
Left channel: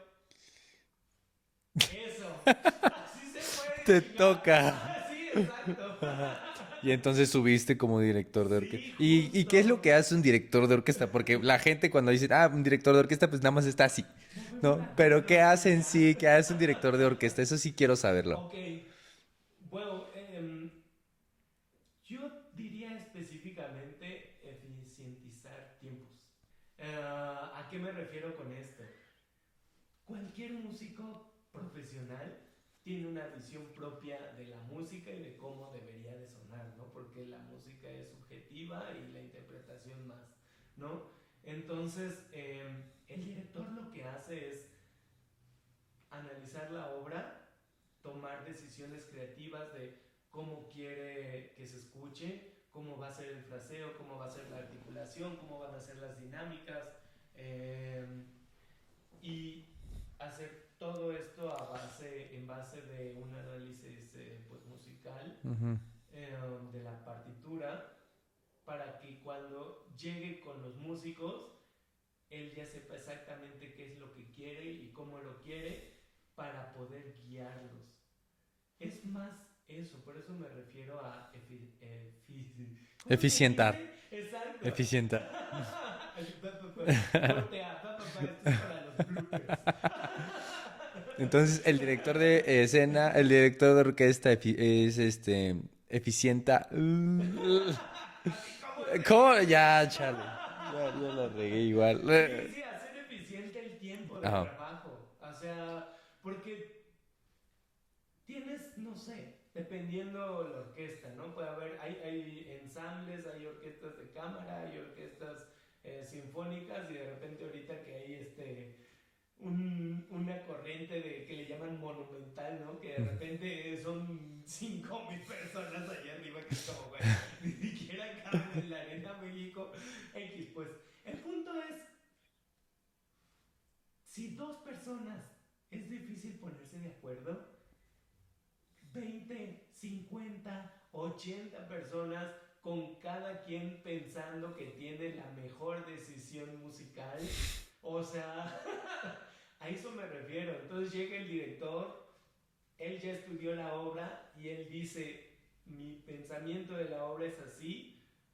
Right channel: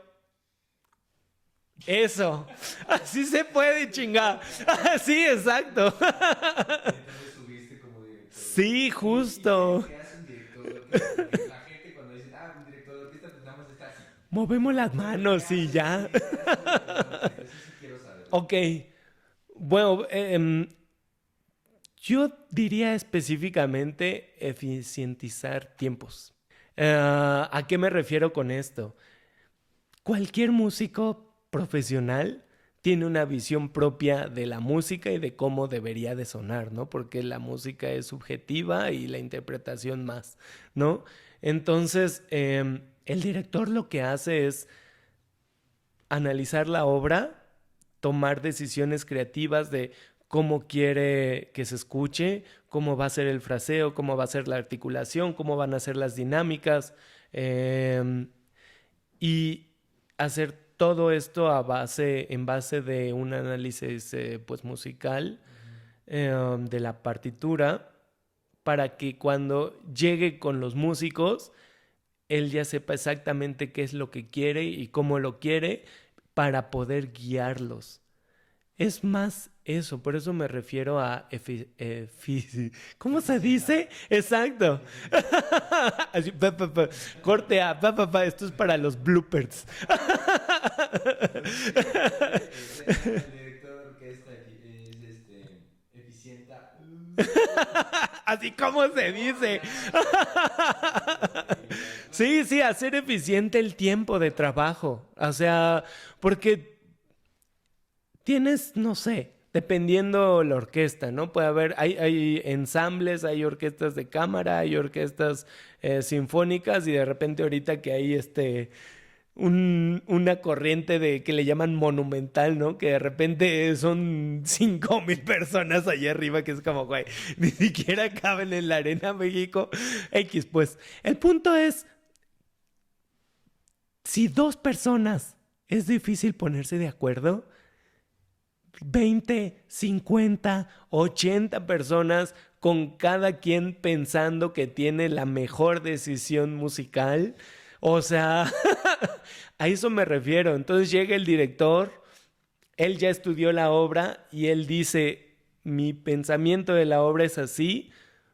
eso, así se puede, Te chinga. toca. Sí, exacto. Y entonces subiste como director de Sí, orquesta. ¿Y qué es lo justo. que hace un director de orquesta? Porque la gente cuando dice, ah, un director de orquesta, pues nada más está así, Movemos ¿no? las Pero ¿qué manos y hace en ya. sí? ¿Qué hace un director de orquesta? Eso sí quiero saberlo. Ok. Bueno, yo diría específicamente eficientizar tiempos. ¿A qué me refiero con esto? Cualquier músico profesional tiene una visión propia de la música y de cómo debería de sonar, ¿no? Porque la música es subjetiva y la interpretación más, ¿no? Entonces, el director lo que hace es analizar la obra, tomar decisiones creativas de cómo quiere que se escuche, cómo va a ser el fraseo, cómo va a ser la articulación, cómo van a ser las dinámicas, y hacer todo esto en base de un análisis pues musical Ujú. de la partitura para que cuando llegue con los músicos él ya sepa exactamente qué es lo que quiere y cómo lo quiere para poder guiarlos. Es más eso, por eso me refiero a ¿cómo se Eficienta. dice? Exacto. Eficiente. Así, corte A, esto es para los bloopers. Entonces, el director de escena, el director de orquesta es eficienta. Así como se ¿Cómo? dice. Ya, chale. Ya, yo lo regué igual. Sí, sí, hacer eficiente el tiempo de Ajá. trabajo. O sea, porque tienes, no sé, dependiendo la orquesta, ¿no? Puede haber, hay ensambles, hay orquestas de cámara, hay orquestas sinfónicas y de repente ahorita que hay una corriente de que le llaman monumental, ¿no? Que de repente son 5,000 personas allá arriba, que es como, güey, ni siquiera caben en la Arena México. X, pues. El punto es, si dos personas es difícil ponerse de acuerdo, 20, 50, 80 personas con cada quien pensando que tiene la mejor decisión musical. O sea, a eso me refiero. Entonces llega el director, él ya estudió la obra y él dice, mi pensamiento de la obra es así,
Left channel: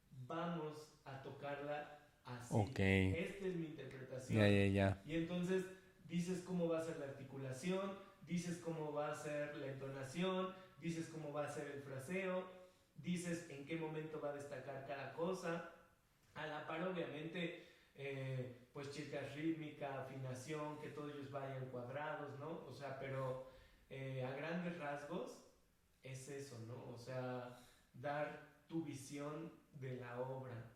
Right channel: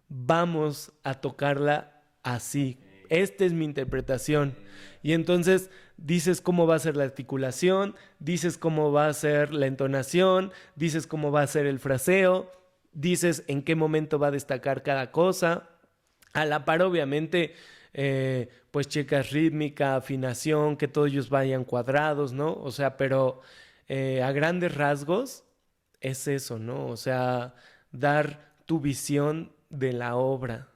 vamos a tocarla así. Ok. Esta es mi Ya, interpretación. ya, ya. Y entonces dices cómo va a ser la articulación, dices cómo va a ser la entonación, dices cómo va a ser el fraseo, dices en qué momento va a destacar cada cosa. A la par, obviamente, pues checas rítmica, afinación, que todos ellos vayan cuadrados, ¿no? O sea, pero a grandes rasgos, es eso, ¿no? O sea, dar tu visión de la obra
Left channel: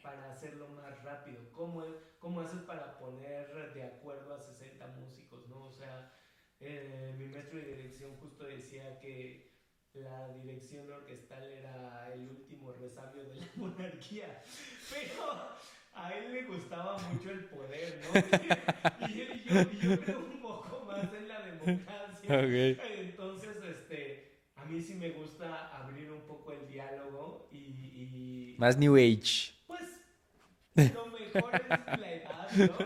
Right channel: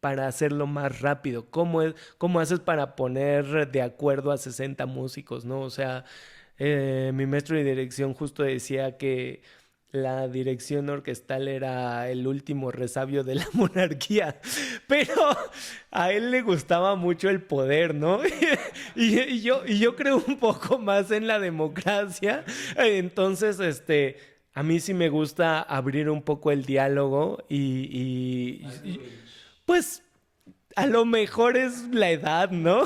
para hacerlo más rápido. ¿Cómo haces para poner de acuerdo a 60 músicos, ¿no? O sea, mi maestro de dirección justo decía que la dirección orquestal era el último resabio de la monarquía, pero a él le gustaba mucho el poder, ¿no? Y yo creo un poco más en la democracia. Ok. Entonces, a mí sí me gusta abrir un poco el diálogo Más New Age. pues a lo mejor es la edad, ¿no?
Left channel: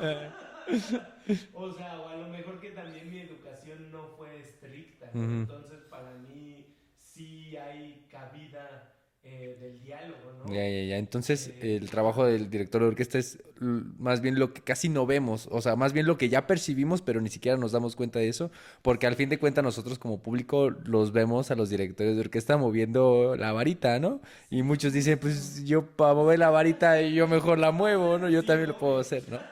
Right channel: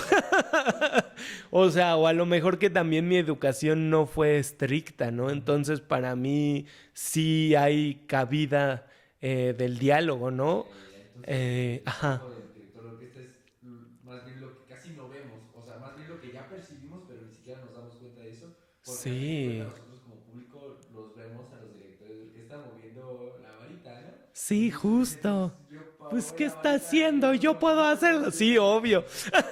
O sea, o a lo mejor que también mi educación no fue estricta, ¿no? Ujú. Entonces, para mí sí hay cabida del diálogo, ¿no? Ya. Entonces, el Ajá. trabajo del director de orquesta es más bien lo que casi no vemos, o sea, más bien lo que ya percibimos, pero ni siquiera nos damos cuenta de eso, porque al fin de cuentas Sí, nosotros como público los vemos a los directores de orquesta moviendo la varita, ¿no? Y sí, muchos dicen, justo. pues yo para Pues, mover ¿qué la está varita yo haciendo? mejor Yo la puedo muevo, hacerlo. ¿no? Yo Sí, también lo puedo obvio. hacer, ¿no? A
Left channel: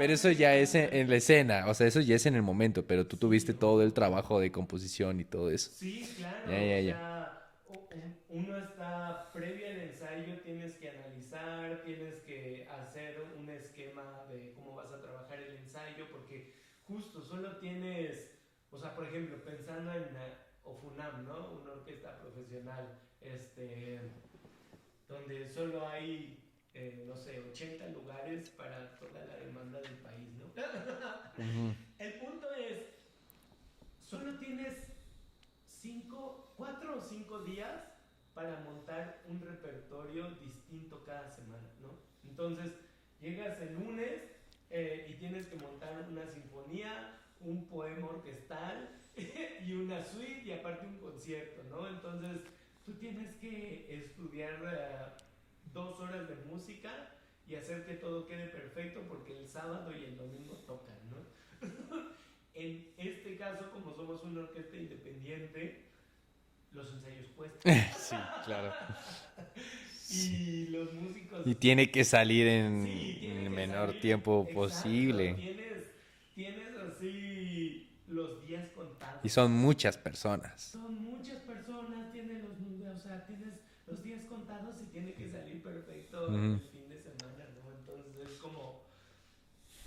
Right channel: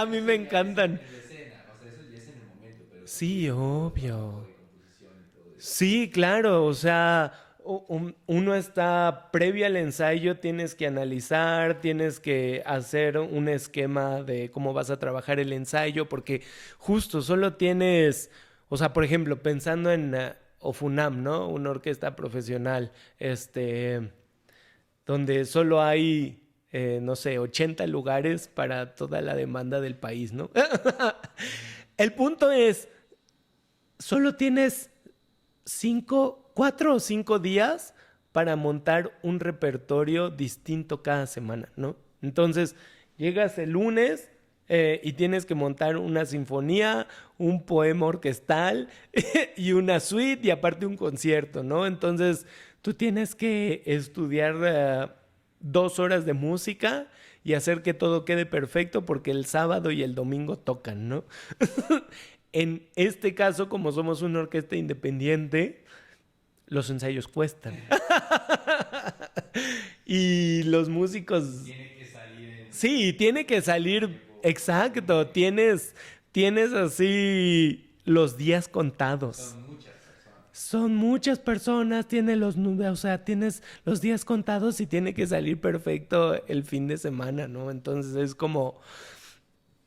Pero mí eso me ya es encantan. en la escena, o sea, eso ya es en el momento, pero tú Sí, tuviste todo el trabajo obvio. de composición y todo eso. Sí, claro, o Ya. sea, uno está previo al ensayo, tienes que analizar, tienes que hacer un esquema de cómo vas a trabajar el ensayo, porque justo solo tienes, o sea, por ejemplo, pensando en Ofunam, ¿no? Una orquesta profesional, donde solo hay, no sé, 80 lugares para toda la demanda del país, ¿no? Ujú. El punto es, solo tienes 4 o 5 días para montar un repertorio distinto cada semana, ¿no? Entonces, llegas el lunes y tienes que montar una sinfonía, un poema orquestal y una suite y aparte un concierto, ¿no? Entonces, tú tienes que estudiar 2 horas de música y hacer que todo quede perfecto porque el sábado y el domingo tocan, ¿no? En este caso, como somos una orquesta independiente, los ensayos cuestan. Sí, claro. Y los Y músicos, tiene que salir sí, en tiene el que menor salir. tiempo Exacto, posible. tienes así los días Y son contados. muchas personas. Son muchas personas, o sea, tienes los días contados y tiene que salir perfecto Ujú. el fin de semana, ¿no? Entonces es como,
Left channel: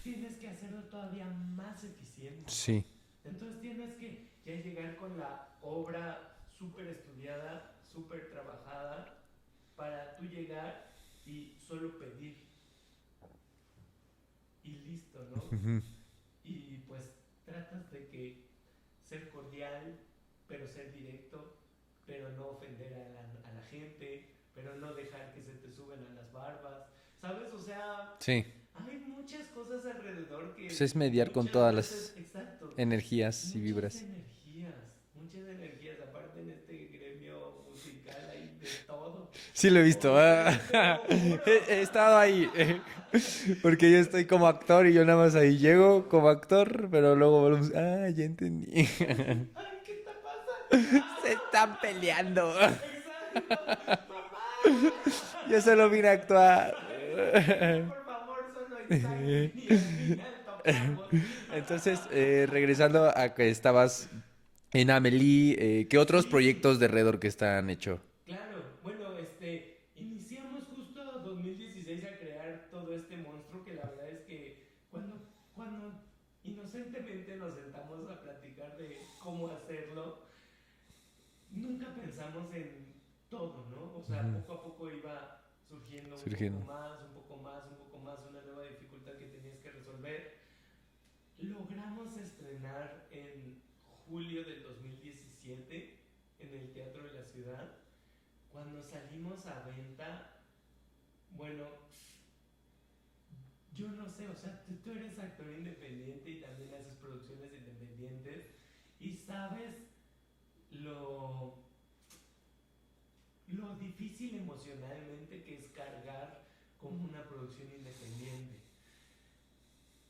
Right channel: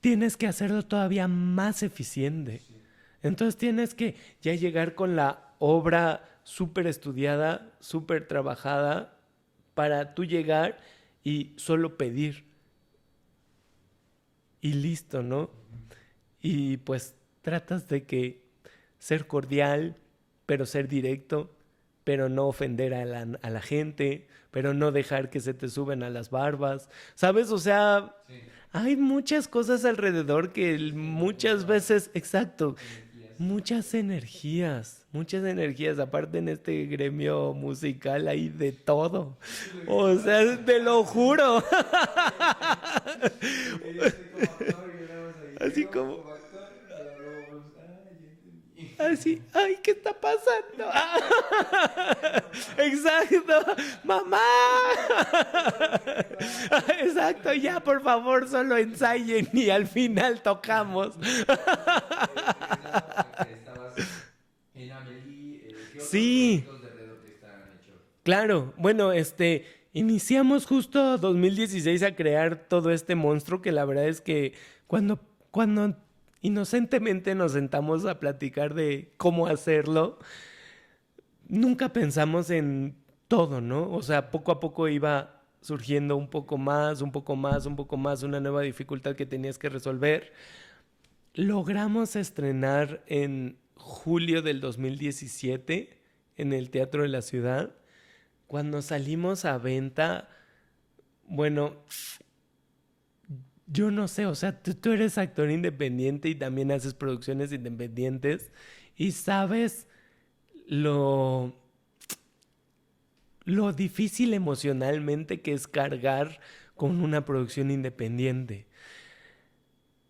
tienes que hacerlo todavía más eficiente. Sí. Entonces tienes que ya llegar con la obra súper estudiada, súper trabajada, para tú llegar y solo pedir y listo, ¿no? Ujú. Y pues tratas de que ser cordial, pero ser directo, pero no ofender a la gente, pero no dejar que se te suben a las barbas, ¿sabes? O sea, Sí. hay muchas cosas alrededor que Pues es mediar con muchas todas veces, las exacto, energías y vibras. muchas energías. Aparte en este gremio musical hay de todo. Sí lo he visto. O sea, te lo juro. He estado ahí. Porque yo estoy como actor y yo nada más ahí Así llego como, como actor, pero luego volvemos. Ah, ya entendí. así, ay, ¿qué está pasando? Están peleando. Exacto, mamá. Yo solo vine a actuar. Exacto, ya por favor solo ensayen y al final tocamos. Entonces, regresando a que estabas en Amelie, ¿qué otros Sí, proyectos de Red Orquesta han hecho? claro. Bueno, iniciamos justo 2016 a crear todo este monstruo que la verdad es que cuando inocentemente nos sentamos a platicar de cómo hacerlo, nunca pensamos en todo, ¿no? O sea, Ujú. poco a poco iba surgiendo un poco Surgiendo. más, un poco más, un poco más, una nueva dificultad que tenías que resolver. Logramos estrenar en julio del 2017 en el Teatro de la Ciudad. Cuando salimos a venta, bueno, yo no sé, o sea, tú eres actor independiente y también haces producciones independientes y sabes lo, lo difícil emocionalmente que es cargar con una producción independiente.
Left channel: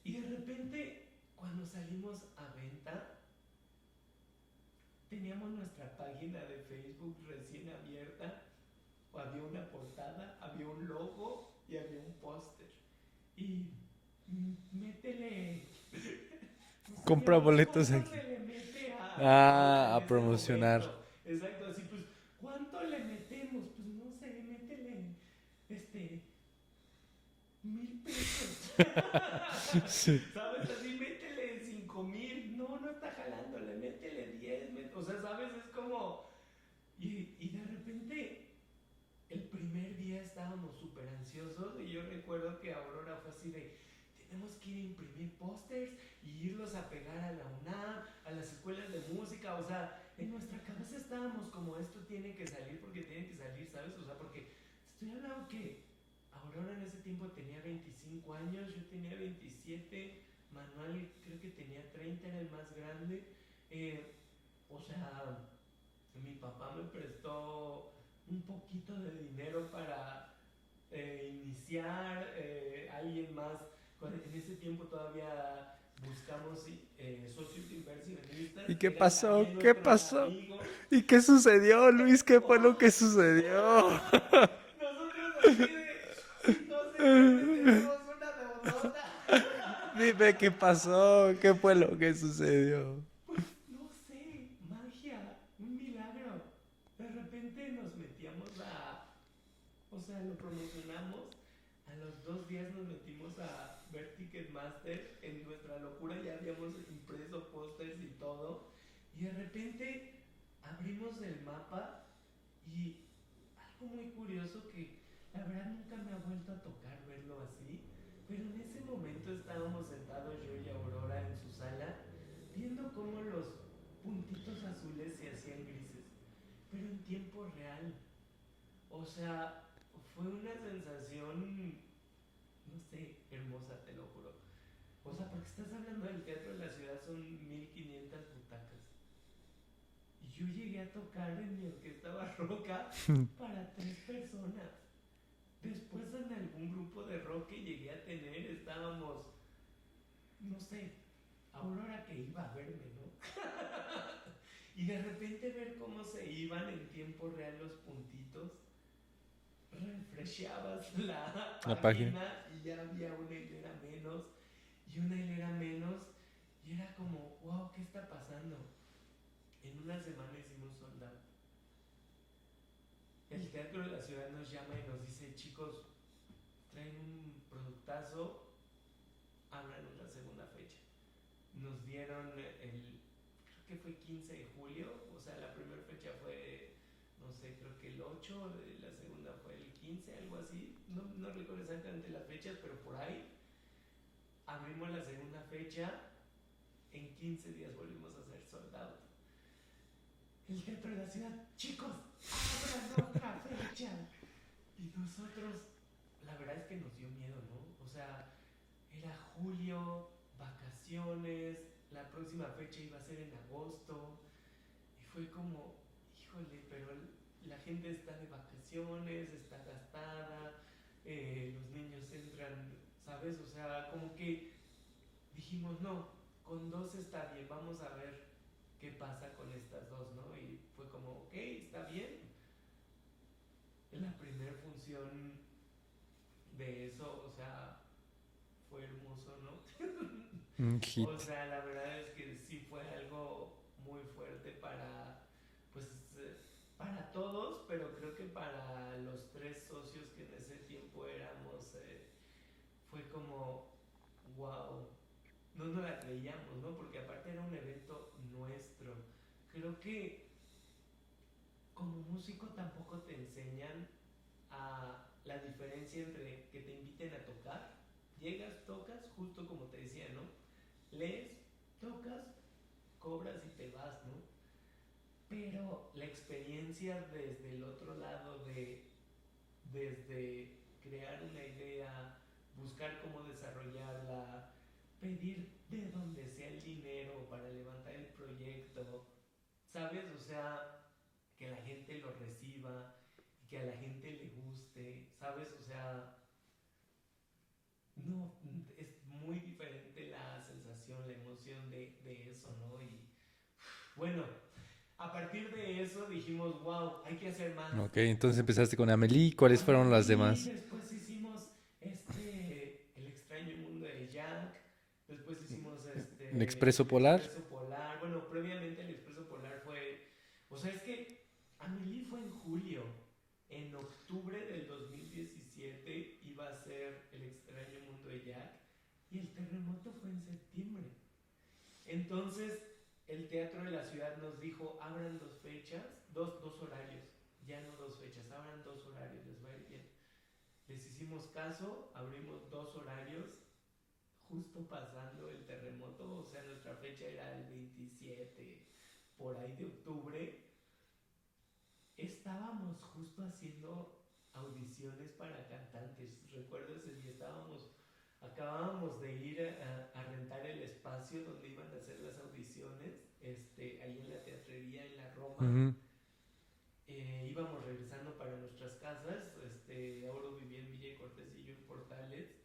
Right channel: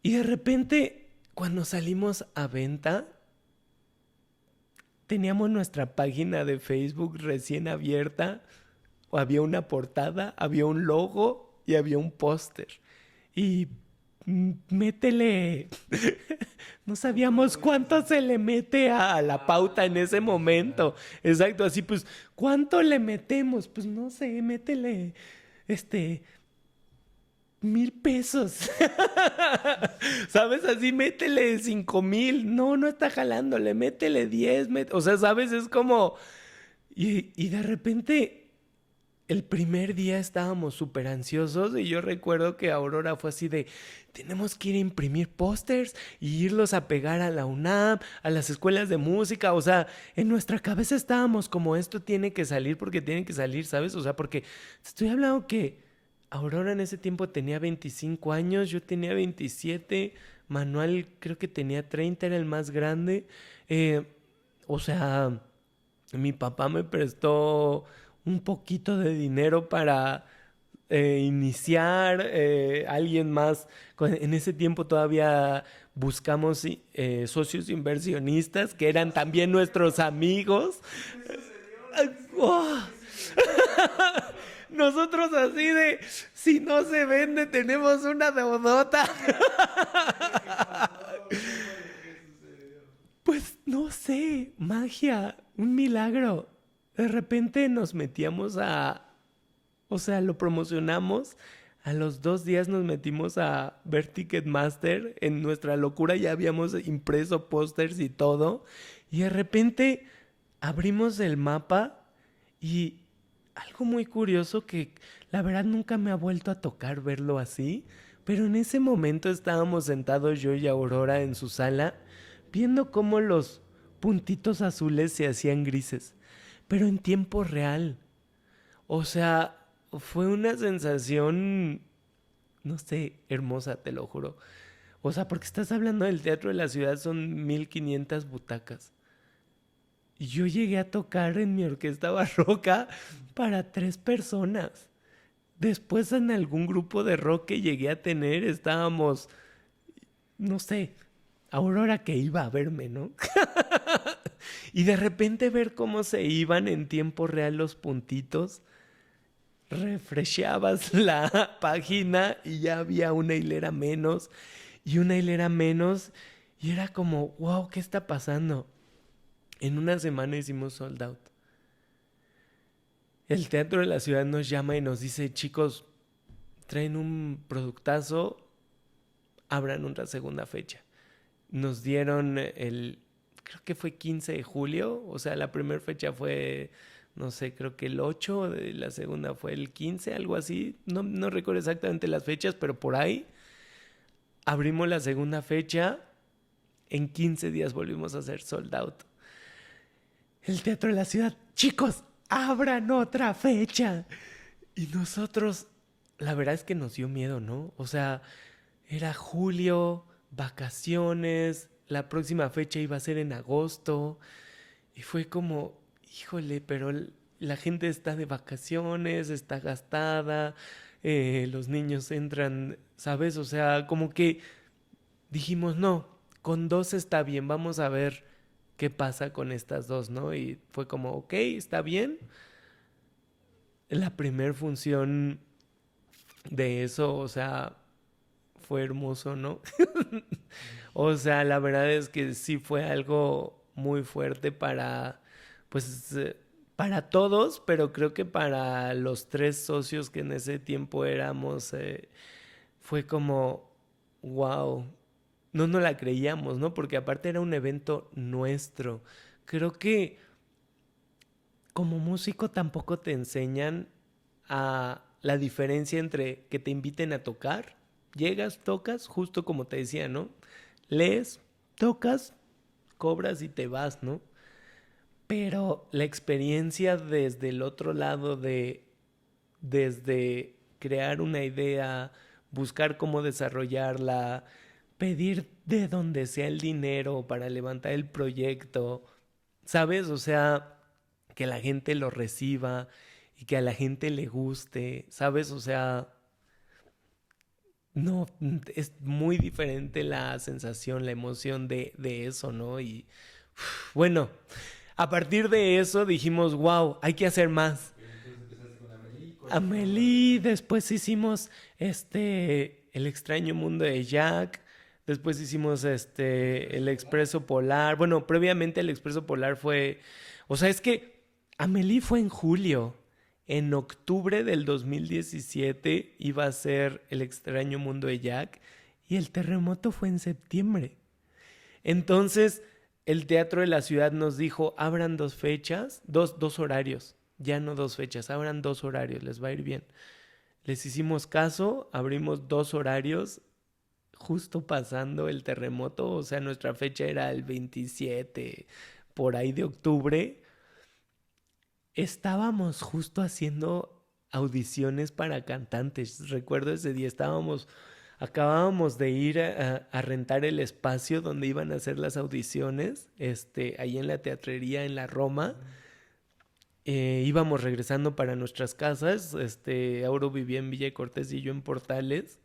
Y de repente, cuando salimos a venta, teníamos nuestra página de Facebook recién abierta, había una portada, había un logo y había un póster. Y métele. No sabíamos cuánto se le mete a la pauta en ese momento. Exacto, así pues, ¿cuánto le metemos? Pues no sé, métele, 1,000 pesos. ¿Sabes? Así, métele 5,000. No está jalándole, métele 10. O sea, ¿sabes? Es como... Y de repente... El primer día estábamos súper ansiosos y yo recuerdo que Aurora fue así de, tenemos que ir a imprimir pósters y irlos a pegar a la UNAM, a las escuelas de música. O sea, en nuestra cabeza estábamos como, esto tiene que salir porque tiene que salir, ¿sabes? O sea, porque estoy hablando que Aurora en ese tiempo tenía 25 años, yo tenía 27, Manuel creo que tenía 30, era el más grande. O sea, mi papá me prestó un poquito de dinero para iniciar, alguien más. En ese tiempo todavía buscamos socios inversionistas que eran también nuestros amigos. ¿Y qué sucedió, Luis? ¿Qué fue lo que sucedió? Nosotros así de, si no se vende, tenemos una deudota. Dime qué pasó, qué fue lo que sucedió. Pues no sé, magia, un milagro. De repente nos metíamos o sea, lo promocionamos. A los 2 días nos metimos a ver Ticketmaster. En nuestra locura ya habíamos impreso pósters y todo. Y de repente abrimos el mapa y algo muy curioso que la verdad nunca me ha vuelto a tocar verlo así. Pero en ese momento estábamos sentados yo y Aurora en su sala viendo cómo los puntitos azules se hacían grises. Pero en tiempo real. O sea, fue una sensación, no sé, hermosa, te lo juro. O sea, porque estás hablando del Teatro de la Ciudad, son 1,500 butacas. Y yo llegué a tocar en mi orquesta barroca para 3 personas. Después en algún grupo de rock que llegué a tener, estábamos, no sé, Aurora que iba a verme, ¿no? Y de repente ver cómo se iban en tiempo real los puntitos, refresheabas la página y ya había una hilera menos y una hilera menos y era como, wow, ¿qué está pasando? En una semana hicimos sold out. El Teatro de la Ciudad nos llama y nos dice, chicos, traen un productazo, abran otra segunda fecha. Nos dieron creo que fue 15 de julio, o sea, la primera fecha fue, no sé, creo que el 8, la segunda fue el 15, algo así, no recuerdo exactamente las fechas, pero por ahí abrimos la segunda fecha, en 15 días volvimos a hacer sold out. El Teatro de la Ciudad, chicos, abran otra fecha. Y nosotros, la verdad es que nos dio miedo, ¿no? O sea, era julio, vacaciones, la próxima fecha iba a ser en agosto y fue como, híjole, pero la gente está de vacaciones, está gastada, los niños entran, ¿sabes? O sea, como que dijimos, no, con 2 está bien, vamos a ver qué pasa con estas 2, ¿no? Y fue como, ok, está bien. La primera función de eso, o sea, fue hermoso, ¿no? O sea, la verdad es que sí fue algo muy fuerte para, pues, para todos, pero creo que para los 3 socios que en ese tiempo éramos, fue como, wow, no nos la creíamos, ¿no? Porque aparte era un evento nuestro. Creo que como músico tampoco te enseñan a la diferencia entre que te inviten a tocar. Llegas, tocas, justo como te decía, ¿no? Lees, tocas, cobras y te vas, ¿no? Pero la experiencia desde el otro lado desde crear una idea, buscar cómo desarrollarla, pedir de donde sea el dinero para levantar el proyecto, ¿sabes? O sea, que la gente lo reciba y que a la gente le guste, ¿sabes? O sea, no, es muy diferente la sensación, la emoción de eso, ¿no? Y bueno, a partir de eso dijimos, wow, hay que hacer más. Ok, entonces empezaste con Amélie. ¿Cuáles fueron las demás? Después hicimos El extraño mundo de Jack. Después hicimos el Expreso Polar. Expreso Polar. Bueno, previamente el Expreso Polar fue... O sea, es que Amélie fue en julio. En octubre del 2017 iba a ser El extraño mundo de Jack. Y el terremoto fue en septiembre. Entonces, el Teatro de la Ciudad nos dijo, abran 2 fechas, dos horarios. Ya no 2 fechas, abran 2 horarios, les va a ir bien. Les hicimos caso, abrimos 2 horarios, justo pasando el terremoto. O sea, nuestra fecha era el 27, por ahí de octubre. Estábamos justo haciendo audiciones para cantantes. Recuerdo ese día, acabábamos de ir a rentar el espacio donde iban a hacer las audiciones, ahí en la teatrería en la Roma. Ujú. Íbamos regresando para nuestras casas. Auro vivía en Villa Cortés y yo en Portales.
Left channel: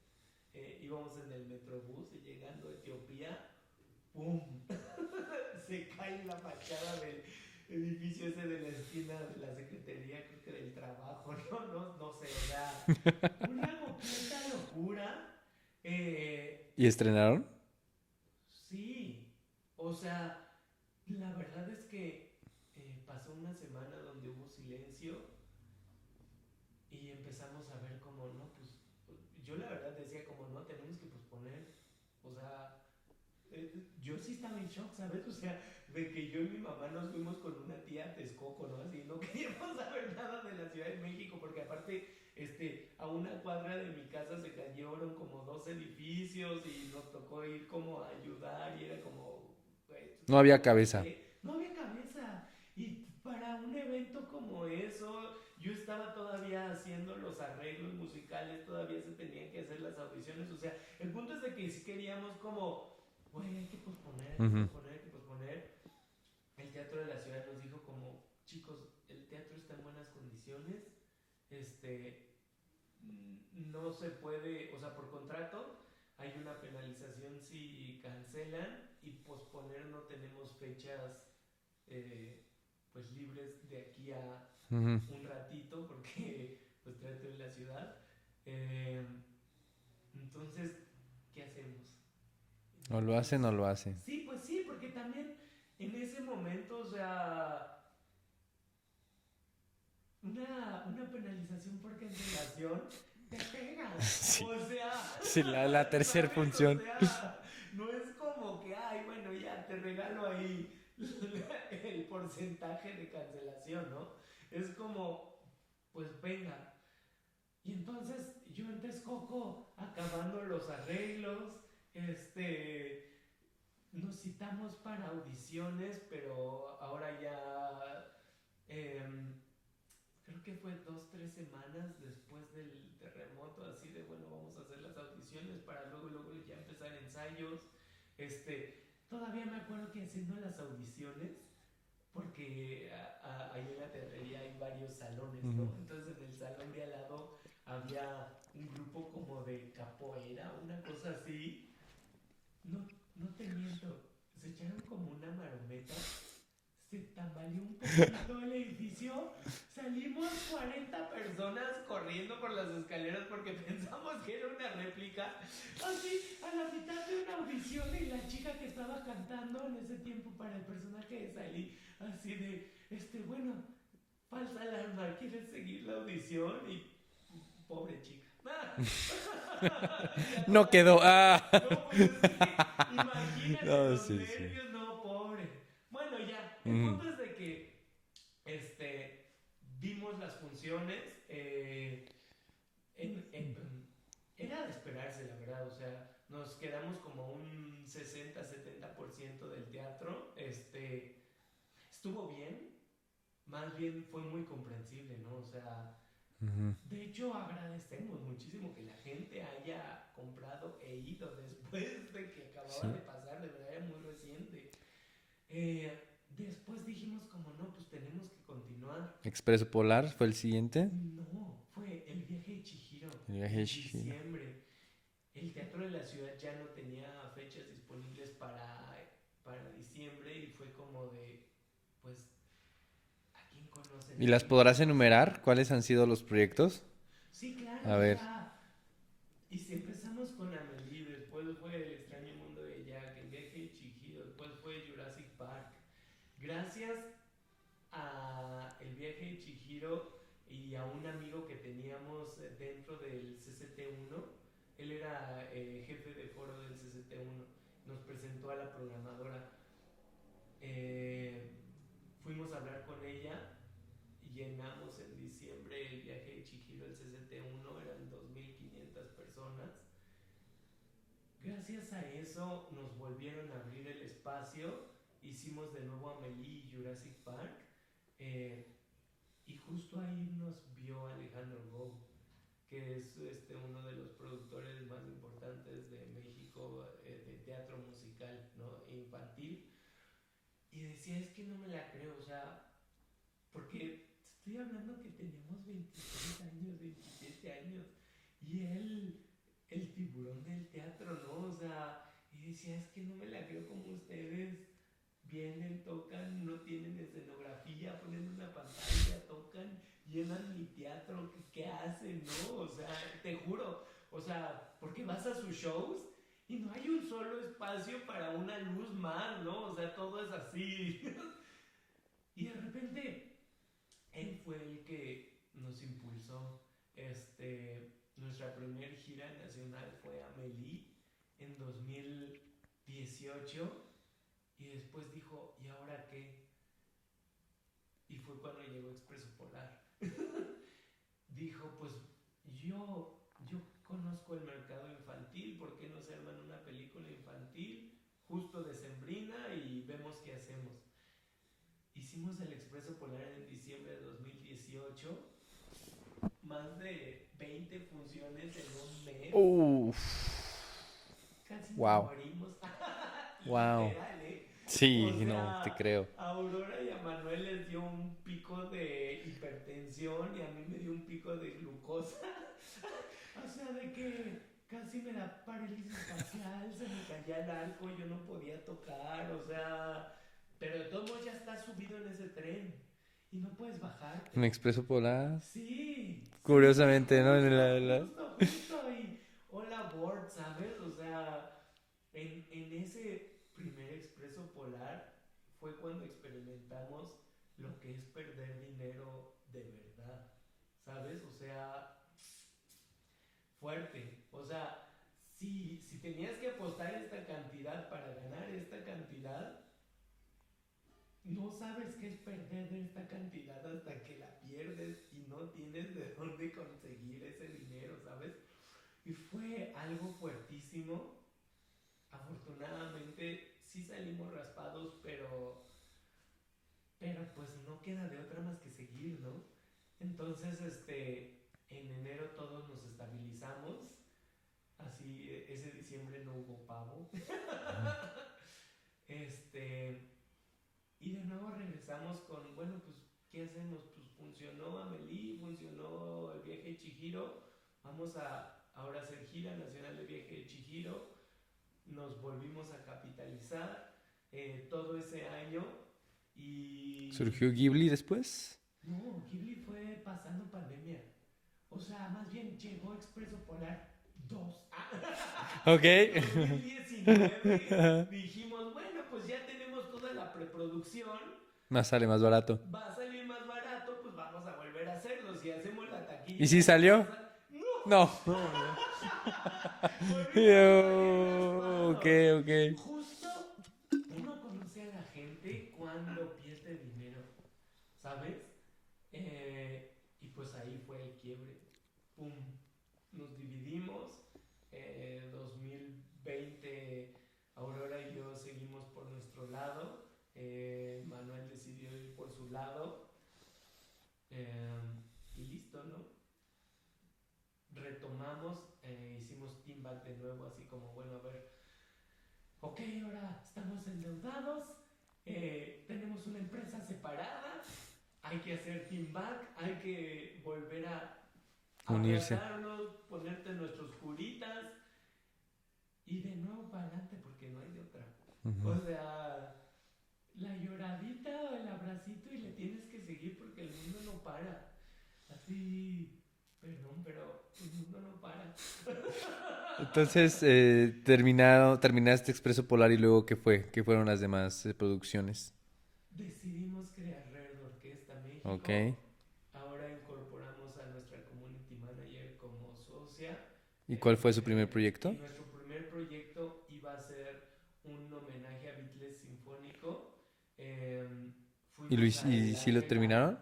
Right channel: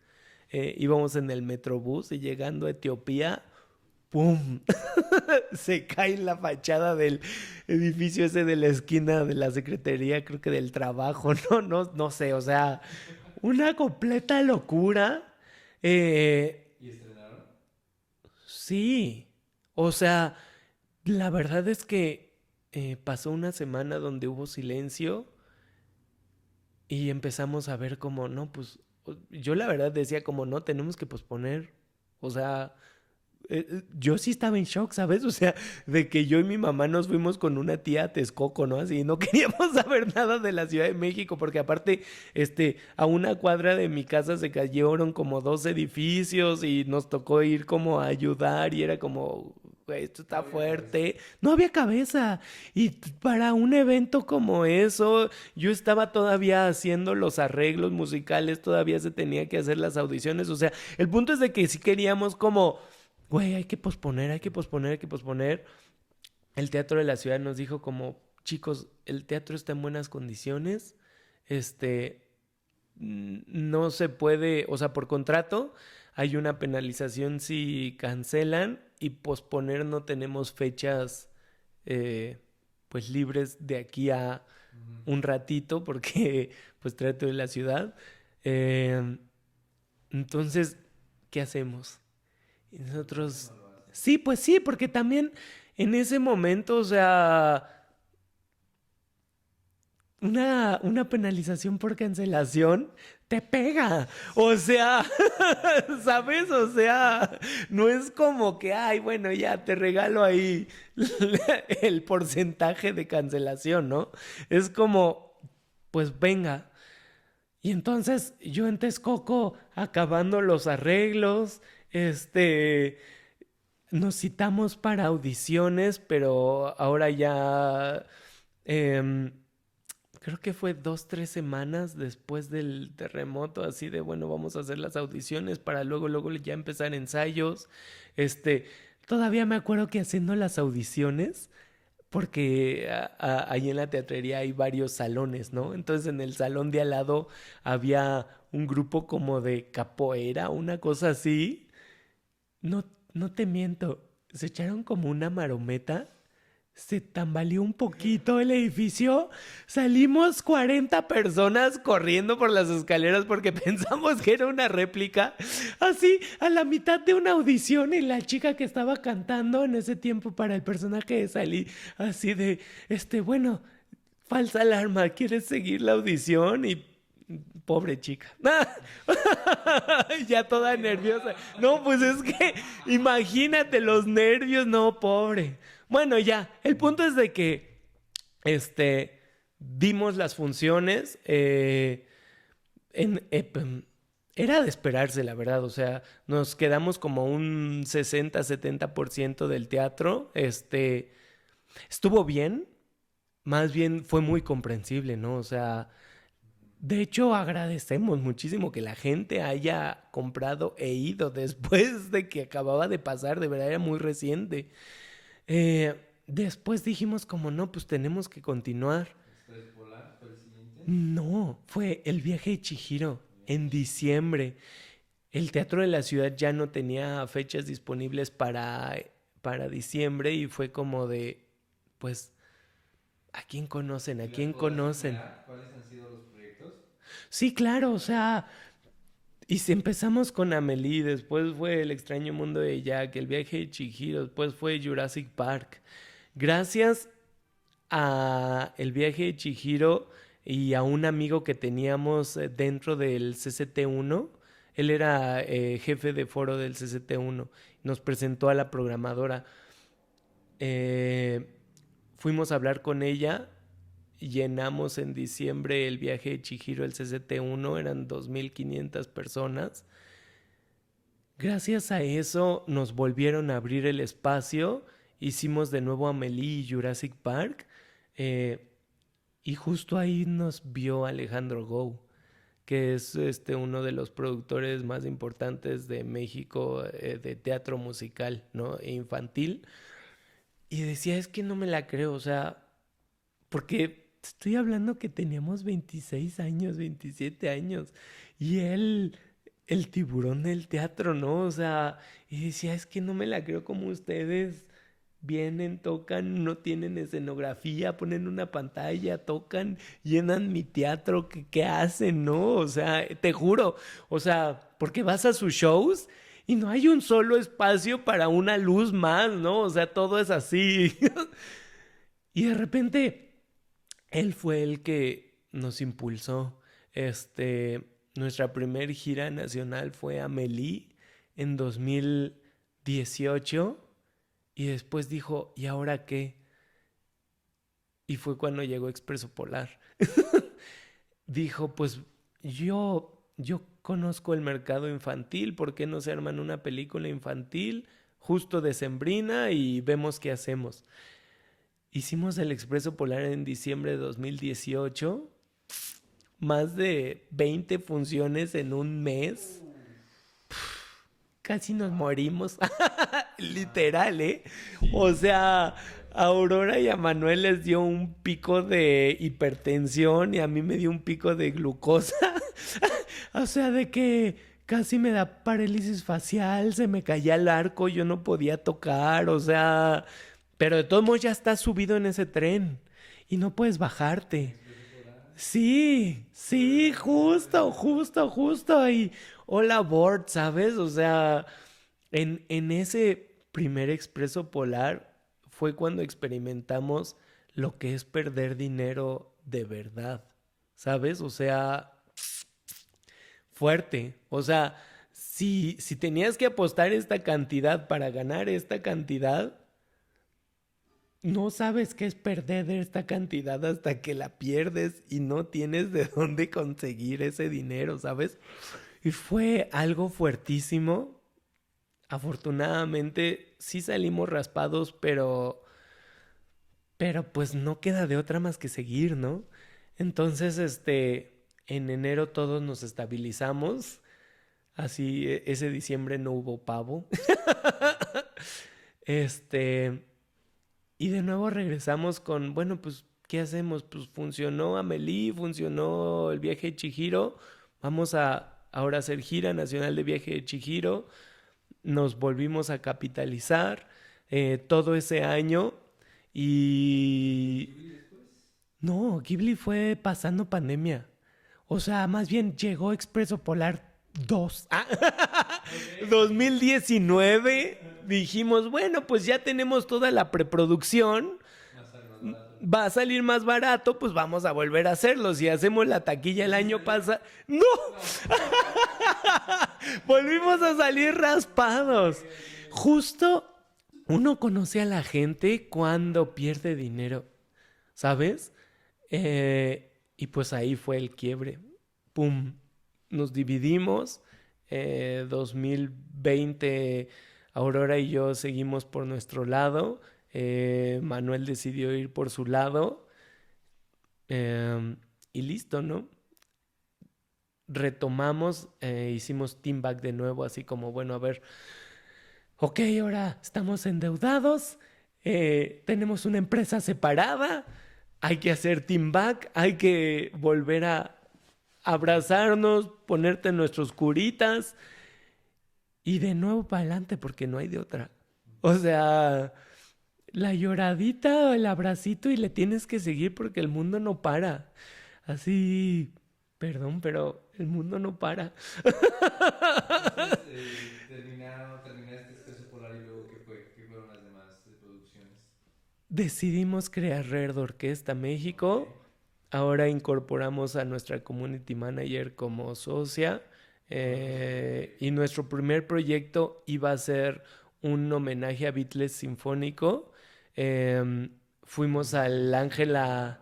Íbamos en el Metrobús y llegando a Etiopía, ¡pum! Se cae en la fachada del edificio ese de la esquina de la Secretaría, creo que del Trabajo, no sé, o sea, una completa locura. ¿Y estrenaron? Sí, o sea, la verdad es que pasó una semana donde hubo silencio y empezamos a ver como, no, pues yo la verdad decía como, no, tenemos que posponer, o sea, yo sí estaba en shock, ¿sabes? O sea, de que yo y mi mamá nos fuimos con una tía a Texcoco, ¿no? Así, no queríamos saber nada de la Ciudad de México, porque aparte, a una cuadra de mi casa se cayeron como 2 edificios y nos tocó ir como a ayudar y era como, güey, esto No está había fuerte. cabeza. No había cabeza. Y para un evento como eso, yo estaba todavía haciendo los arreglos musicales, todavía se tenía que hacer las audiciones. O sea, el punto es de que sí queríamos como, güey, hay que posponer, hay que Ujú. posponer, hay que posponer. El Teatro de la Ciudad nos dijo como, chicos, el teatro está en buenas condiciones. No se puede, o sea, por contrato hay una penalización si cancelan y posponer no tenemos fechas pues libres de aquí a Ujú. un ratito porque pues Teatro de la Ciudad. Eh, entonces, ¿qué hacemos? Y O lo hacen o nosotros, lo hacen. sí, pues sí, porque también en ese momento, o sea, una penalización por cancelación te pega. O sea, Sí, a la tercera ¿sabes? O función. sea, no es como que, ay, bueno, ya te regalo ahí el porcentaje de cancelación, ¿no? Es como, pues venga. Y entonces yo en Texcoco, acabando los arreglos, nos citamos para audiciones, pero ahora ya, em, creo que fue 2, 3 semanas después del terremoto, así de, bueno, vamos a hacer las audiciones para luego ya empezar ensayos. Este, todavía me acuerdo que haciendo las audiciones, porque ahí en la teatrería hay varios salones, ¿no? Ujú. Entonces en el salón de al lado había un grupo como de capoeira, una cosa así. No, no te miento, se echaron como una marometa, se tambaleó un poquito el edificio, salimos 40 personas corriendo por las escaleras porque pensamos que era una réplica, así a la mitad de una audición y la chica que estaba cantando en ese tiempo para el personaje de Sally, así de, bueno, falsa alarma, ¿quieres seguir la audición? Y pobre chica. Ya No toda quedó. nerviosa. No, pues es que imagínate No, los sí, sí. nervios, no, pobre. Bueno, ya, el Ujú. punto es de que dimos las funciones. En, era de esperarse, la verdad. O sea, nos quedamos como un 60-70% del teatro. Estuvo bien. Más bien fue muy comprensible, ¿no? O sea, Ujú. de hecho, agradecemos muchísimo que la gente haya comprado e ido después de que acababa Sí. de pasar, de verdad era muy reciente. Después dijimos como no, pues tenemos que continuar. Expreso Polar fue el siguiente. No, fue el viaje de Chihiro El viaje de en Chihiro. diciembre. El Teatro de la Ciudad ya no tenía fechas disponibles para diciembre y fue como de, pues, ¿a quién conocen? ¿Y ¿A las quién podrás conocen? enumerar? ¿Cuáles han sido los proyectos? Sí, claro, A o ver. sea, Y si empezamos con Amélie, después fue El extraño mundo de Jack, El viaje de Chihiro, después fue Jurassic Park. Gracias a El viaje de Chihiro y a un amigo que teníamos dentro del CCT1, él era jefe de foro del CCT1, nos presentó a la programadora. Eh, Fuimos a hablar con ella, llenamos en diciembre el viaje de Chihiro, el CCT1, eran 2.500 personas. Gracias a eso nos volvieron a abrir el espacio, hicimos de nuevo Amélie y Jurassic Park, eh, y justo ahí nos vio Alejandro Gou, que es uno de los productores más importantes de México, de teatro musical, ¿no? E infantil. Y decía, es que no me la creo, o sea, porque estoy hablando que teníamos 26 años, 27 años, y él, el tiburón del teatro, ¿no? O sea, y decía, es que no me la creo como ustedes vienen, tocan, no tienen escenografía, ponen una pantalla, tocan, llenan mi teatro, ¿qué hacen, no? O sea, te juro, o sea, porque vas a sus shows y no hay un solo espacio para una luz más, ¿no? O sea, todo es así. Y de repente, él fue el que nos impulsó. Nuestra primer gira nacional fue Amélie en 2018 y después dijo, ¿y ahora qué? Y fue cuando llegó Expreso Polar. Dijo, pues yo conozco el mercado infantil, ¿por qué no se arman una película infantil justo decembrina y vemos qué hacemos? Hicimos el Expreso Polar en diciembre de 2018, más de 20 funciones en un mes. Uf. Casi nos Wow. morimos. Wow. Literal, ¿eh? Sí, O sea, te creo. a Aurora y a Manuel les dio un pico de hipertensión y a mí me dio un pico de glucosa. O sea, de que casi me da parálisis facial, se me caía el arco, yo no podía tocar, o sea, pero de todos modos ya estás subido en ese tren y no puedes Un bajarte. expreso polar. Sí, sí, Curiosamente, ¿no? justo. Y hola, Board, ¿sabes? O sea, en ese primer expreso polar fue cuando experimentamos lo que es perder dinero de verdad, ¿sabes? O sea, fuerte. O sea, si tenías que apostar esta cantidad para ganar esta cantidad, no sabes qué es perder esta cantidad hasta que la pierdes y no tienes de dónde conseguir ese dinero, ¿sabes? Y fue algo fuertísimo. Afortunadamente sí salimos raspados, pero pues no queda de otra más que seguir, ¿no? Entonces, en enero todos nos estabilizamos. Así, ese diciembre no hubo pavo. Este, y de nuevo regresamos con, bueno, pues, ¿qué hacemos? Pues funcionó Amélie, funcionó el viaje de Chihiro. Vamos a ahora hacer gira nacional de viaje de Chihiro. Nos volvimos a capitalizar todo ese año ¿Surgió y... Ghibli después? No, Ghibli fue pasando pandemia. O sea, más bien llegó Expreso Polar 2. Ok. 2019 dijimos, bueno, pues ya tenemos toda la preproducción. Más sale más barato. Va a salir más barato, pues vamos a volver a hacerlo. Si hacemos la taquilla ¿Y el si año salió? pasado. ¡No! No. Volvimos a salir raspados. Ok. Justo uno conoce a la gente cuando pierde dinero, ¿sabes? Y pues ahí fue el quiebre. ¡Pum! Nos dividimos. 2020, Aurora y yo seguimos por nuestro lado. Manuel decidió ir por su lado. Y listo, ¿no? Retomamos, hicimos Team Back de nuevo, así como, bueno, a ver, ok, ahora estamos endeudados, tenemos una empresa separada, hay que hacer Team Back, hay que volver a abrazarnos, ponerte nuestros curitas y de nuevo para adelante porque no hay de otra. O sea, la lloradita o el abracito y le tienes que seguir porque el mundo no para. Así, Perdón, pero el mundo no para. Entonces, terminaste Expreso Polar y luego, ¿qué fue? ¿Qué fueron las demás producciones? Decidimos crear Red Orquesta Ok. México. Ahora incorporamos a nuestra community manager como socia. ¿Y cuál fue su primer Y proyecto? nuestro primer proyecto iba a ser un homenaje a Beatles sinfónico. Em, Fuimos ¿Y al si lo terminaron? Ángela.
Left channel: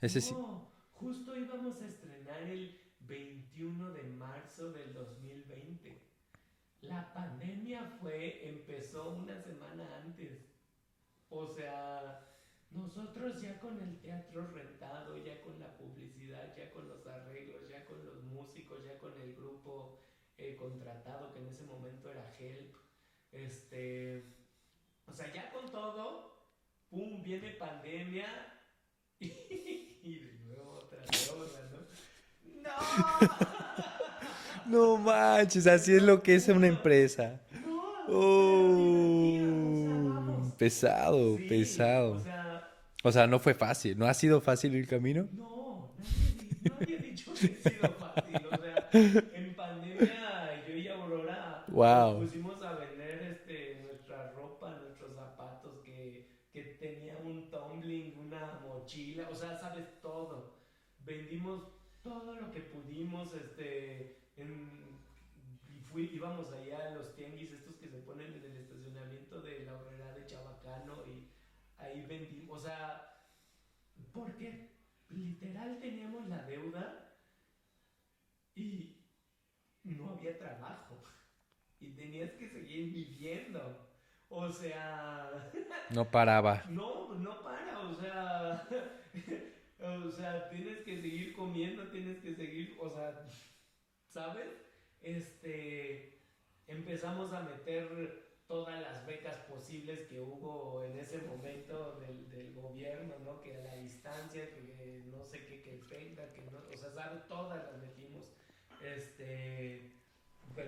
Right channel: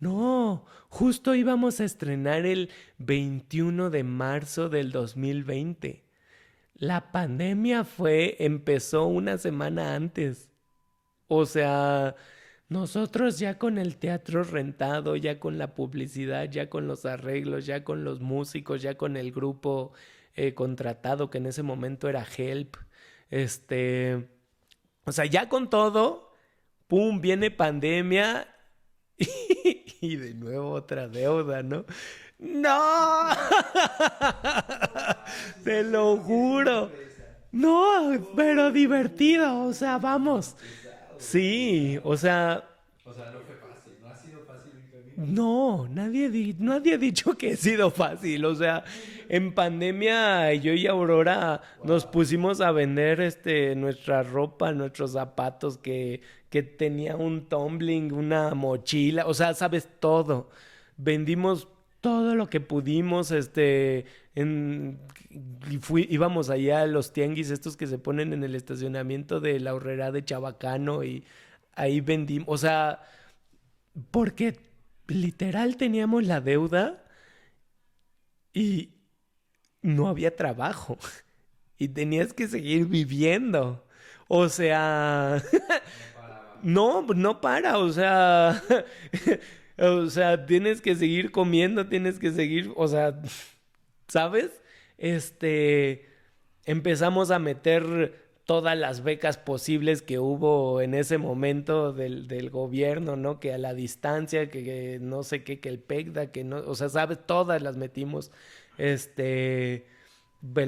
Ese sí. No, justo íbamos a estrenar el 21 de marzo del 2020. La pandemia empezó una semana antes. O sea, nosotros ya con el teatro rentado, ya con la publicidad, ya con los arreglos, ya con los músicos, ya con el grupo contratado, que en ese momento era Help. Este, o sea, ya con todo, ¡pum! Viene pandemia y de nuevo otra deuda, ¿no? ¡No! No manches, Te así es lo lo que es una juro. empresa. No, pero divertido, o sea, vamos. Pesado, Sí, pesado. o sea, O sea, no fue fácil. ¿No ha sido fácil el camino? no, nadie ha dicho que ha sido fácil. O sea, en pandemia yo y Aurora nos Wow. pusimos a vender nuestra ropa, nuestros zapatos que tenía un tumbling, una mochila, o sea, sabes todo. Vendimos todo lo que pudimos, en, íbamos allá a los tianguis estos que se ponen en el estacionamiento de la Horrera de Chabacano y ahí vendimos, o sea, porque literal teníamos la deuda y no había trabajo y tenías que seguir viviendo. O sea, No paraba. no para, o sea, o sea, tienes que seguir comiendo, tienes que seguir, o sea, ¿sabes? Empezamos a meter todas las becas posibles que hubo en ese momento del gobierno, ¿no? Que a la distancia, que no sé qué, que el PECDA, que no, o sea, ¿sabes? Todas las metimos, en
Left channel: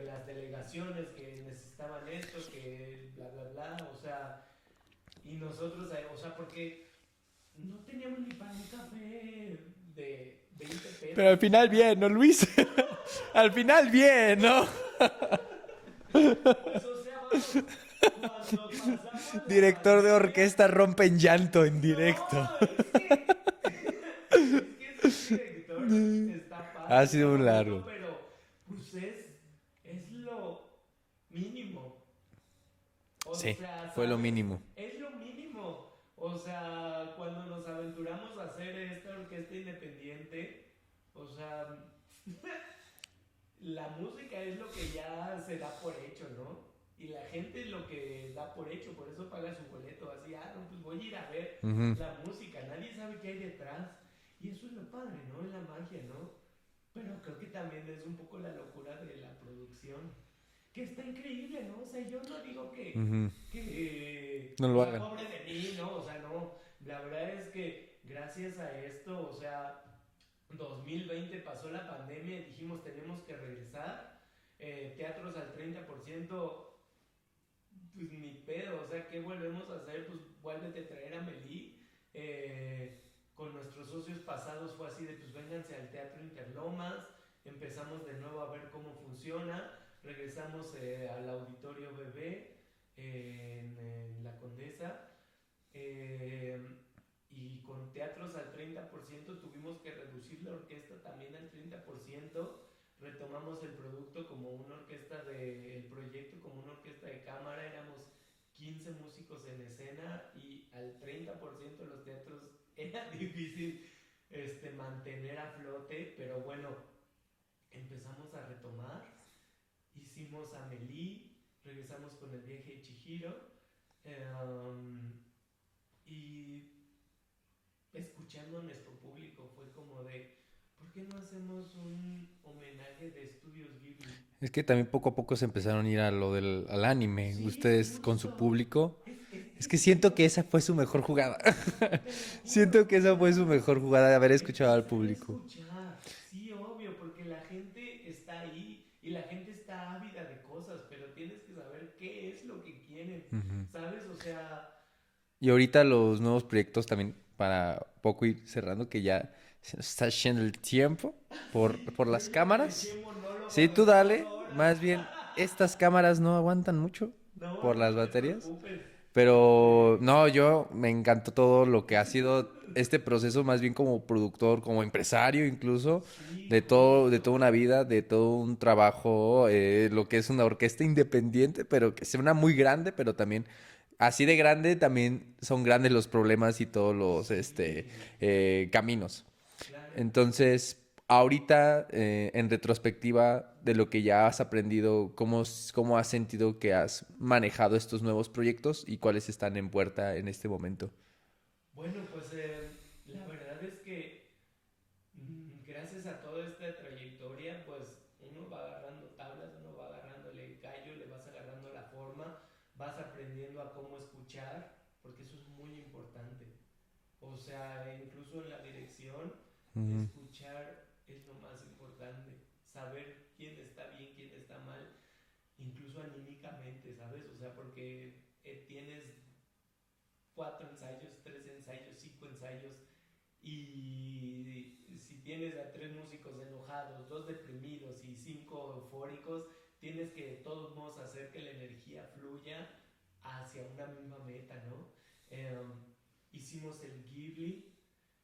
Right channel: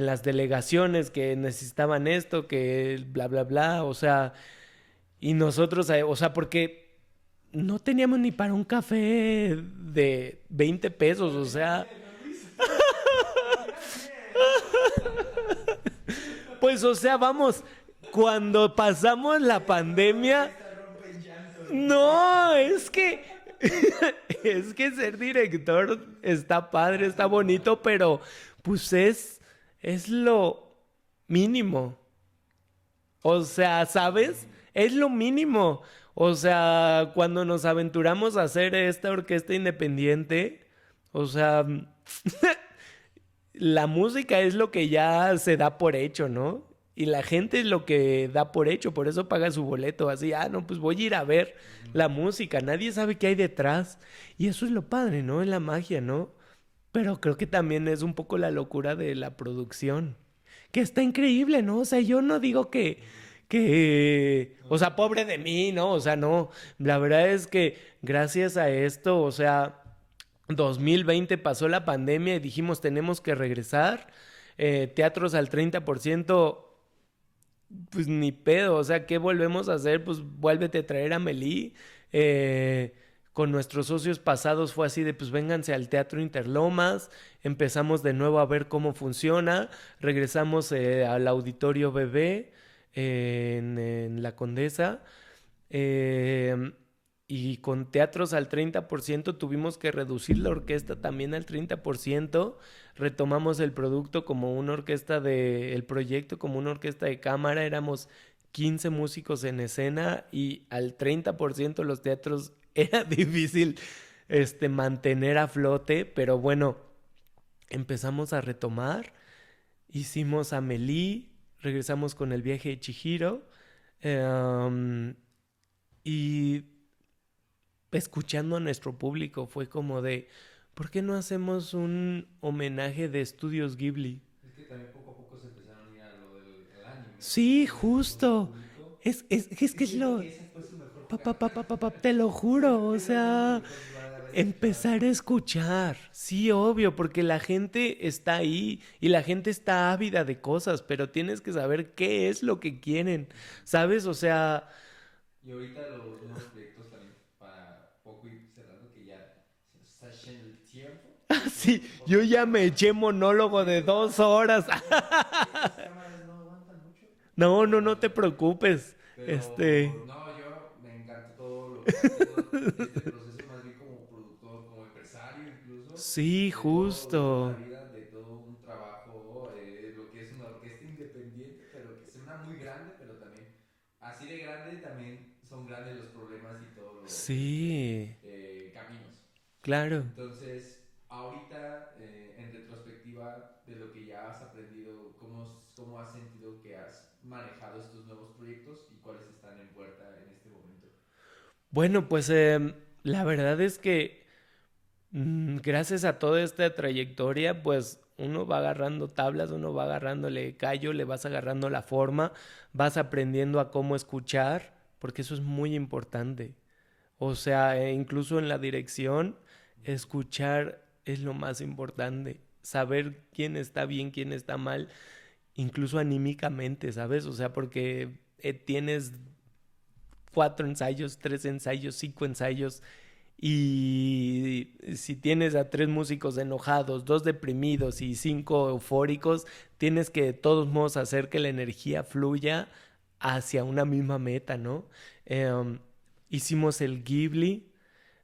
las delegaciones que necesitaban esto, que bla, bla, bla, o sea, y nosotros, o sea, porque no teníamos ni para un café de 20 pesos, Pero al o final sea, bien, ¿no, Luis? Al final bien, ¿no? pues, o sea, vamos, cuando pasamos la Director de pandemia, orquesta rompe en llanto en no, directo. es que ser director está padre, Ha está sido muy bonito, largo. pero pues es lo mínimo. O Sí, sea, fue lo ¿sabes? mínimo. Es lo mínimo. O sea, cuando nos aventuramos a hacer esta orquesta independiente, o sea, la música es lo que ya se da por hecho, ¿no? Y la gente es lo que da por hecho, por eso paga su boleto, así, no, pues voy a ir a ver Ujú. la música, nadie sabe qué hay detrás. Y eso es lo padre, ¿no? Es la magia, ¿no? Pero creo que también es un poco la locura de la producción. Que está increíble, ¿no? O sea, yo no digo Ujú. No o lo sea, hagan. pobre de mí, ¿no? O sea, no. La verdad es que gracias a esto, o sea, 2020 pasó la pandemia y dijimos tenemos que regresar. Teatros al 30%, pues ni pedo, o sea, ¿qué volvemos a hacer? Pues vuélvete a traer a Melí. Con nuestros socios pasados fue así de, pues vénganse al Teatro Interlomas, empezamos de nuevo a ver cómo funciona, regresamos al Auditorio Bebé en La Condesa. Y con teatros al 30% tuvimos que reducir la orquesta también al 30%. Retomamos el producto como una orquesta el proyecto como una orquesta de cámara. Éramos 15 músicos en escena y al 30% los teatros era difícil mantener a flote, pero bueno, empezamos a retomar. Hicimos Amélie, regresamos con el viaje de Chihiro. Y escuchando a nuestro público fue como de, ¿por qué no hacemos un homenaje de Estudios Ghibli? Es que también poco a poco se empezaron a ir a lo al anime. Sí, Ustedes con su justo. público. Es Es que que siento que esa fue su mejor jugada. te lo juro, Siento que o esa fue su sea, mejor jugada de haber escuchado al empezar a público. escuchar. Sí, obvio, porque la gente está ahí y la gente está ávida de cosas, pero tienes que saber qué es lo que quieren, Ujú. ¿sabes? O sea, Y ahorita los nuevos proyectos también, para poco ir cerrando, que ya se nos está yendo el tiempo Sí, por yo las ya cámaras. me eché monólogo Sí, de tú dale. 2 horas. Más bien, estas cámaras no aguantan mucho No, por no, las no te baterías. preocupes. Pero no, yo me encantó todo lo que ha sido este proceso, más bien como productor, como empresario incluso, Sí, de toda una justo. vida, de todo un trabajo, lo que es una orquesta independiente, pero que suena muy grande, pero también así de grande también son grandes los problemas y todos los Sí, caminos. claro. Entonces, ahorita, en retrospectiva de lo que ya has aprendido, cómo has sentido que has manejado estos nuevos proyectos y cuáles están en puerta en este momento? Bueno, pues la verdad es que gracias a toda esta trayectoria, pues uno va agarrando tablas, uno va agarrándole callo, le vas agarrando la forma, vas aprendiendo a cómo escuchar, porque eso es muy importante. O sea, incluso en la dirección, Ujú. escuchar es lo más importante. Saber quién está bien, quién está mal, incluso anímicamente, ¿sabes? O sea, porque tienes 4 ensayos, 3 ensayos, 5 ensayos, y si tienes a 3 músicos enojados, 2 deprimidos y 5 eufóricos, tienes que de todos modos hacer que la energía fluya hacia una misma meta, ¿no? Em, Hicimos el Ghibli,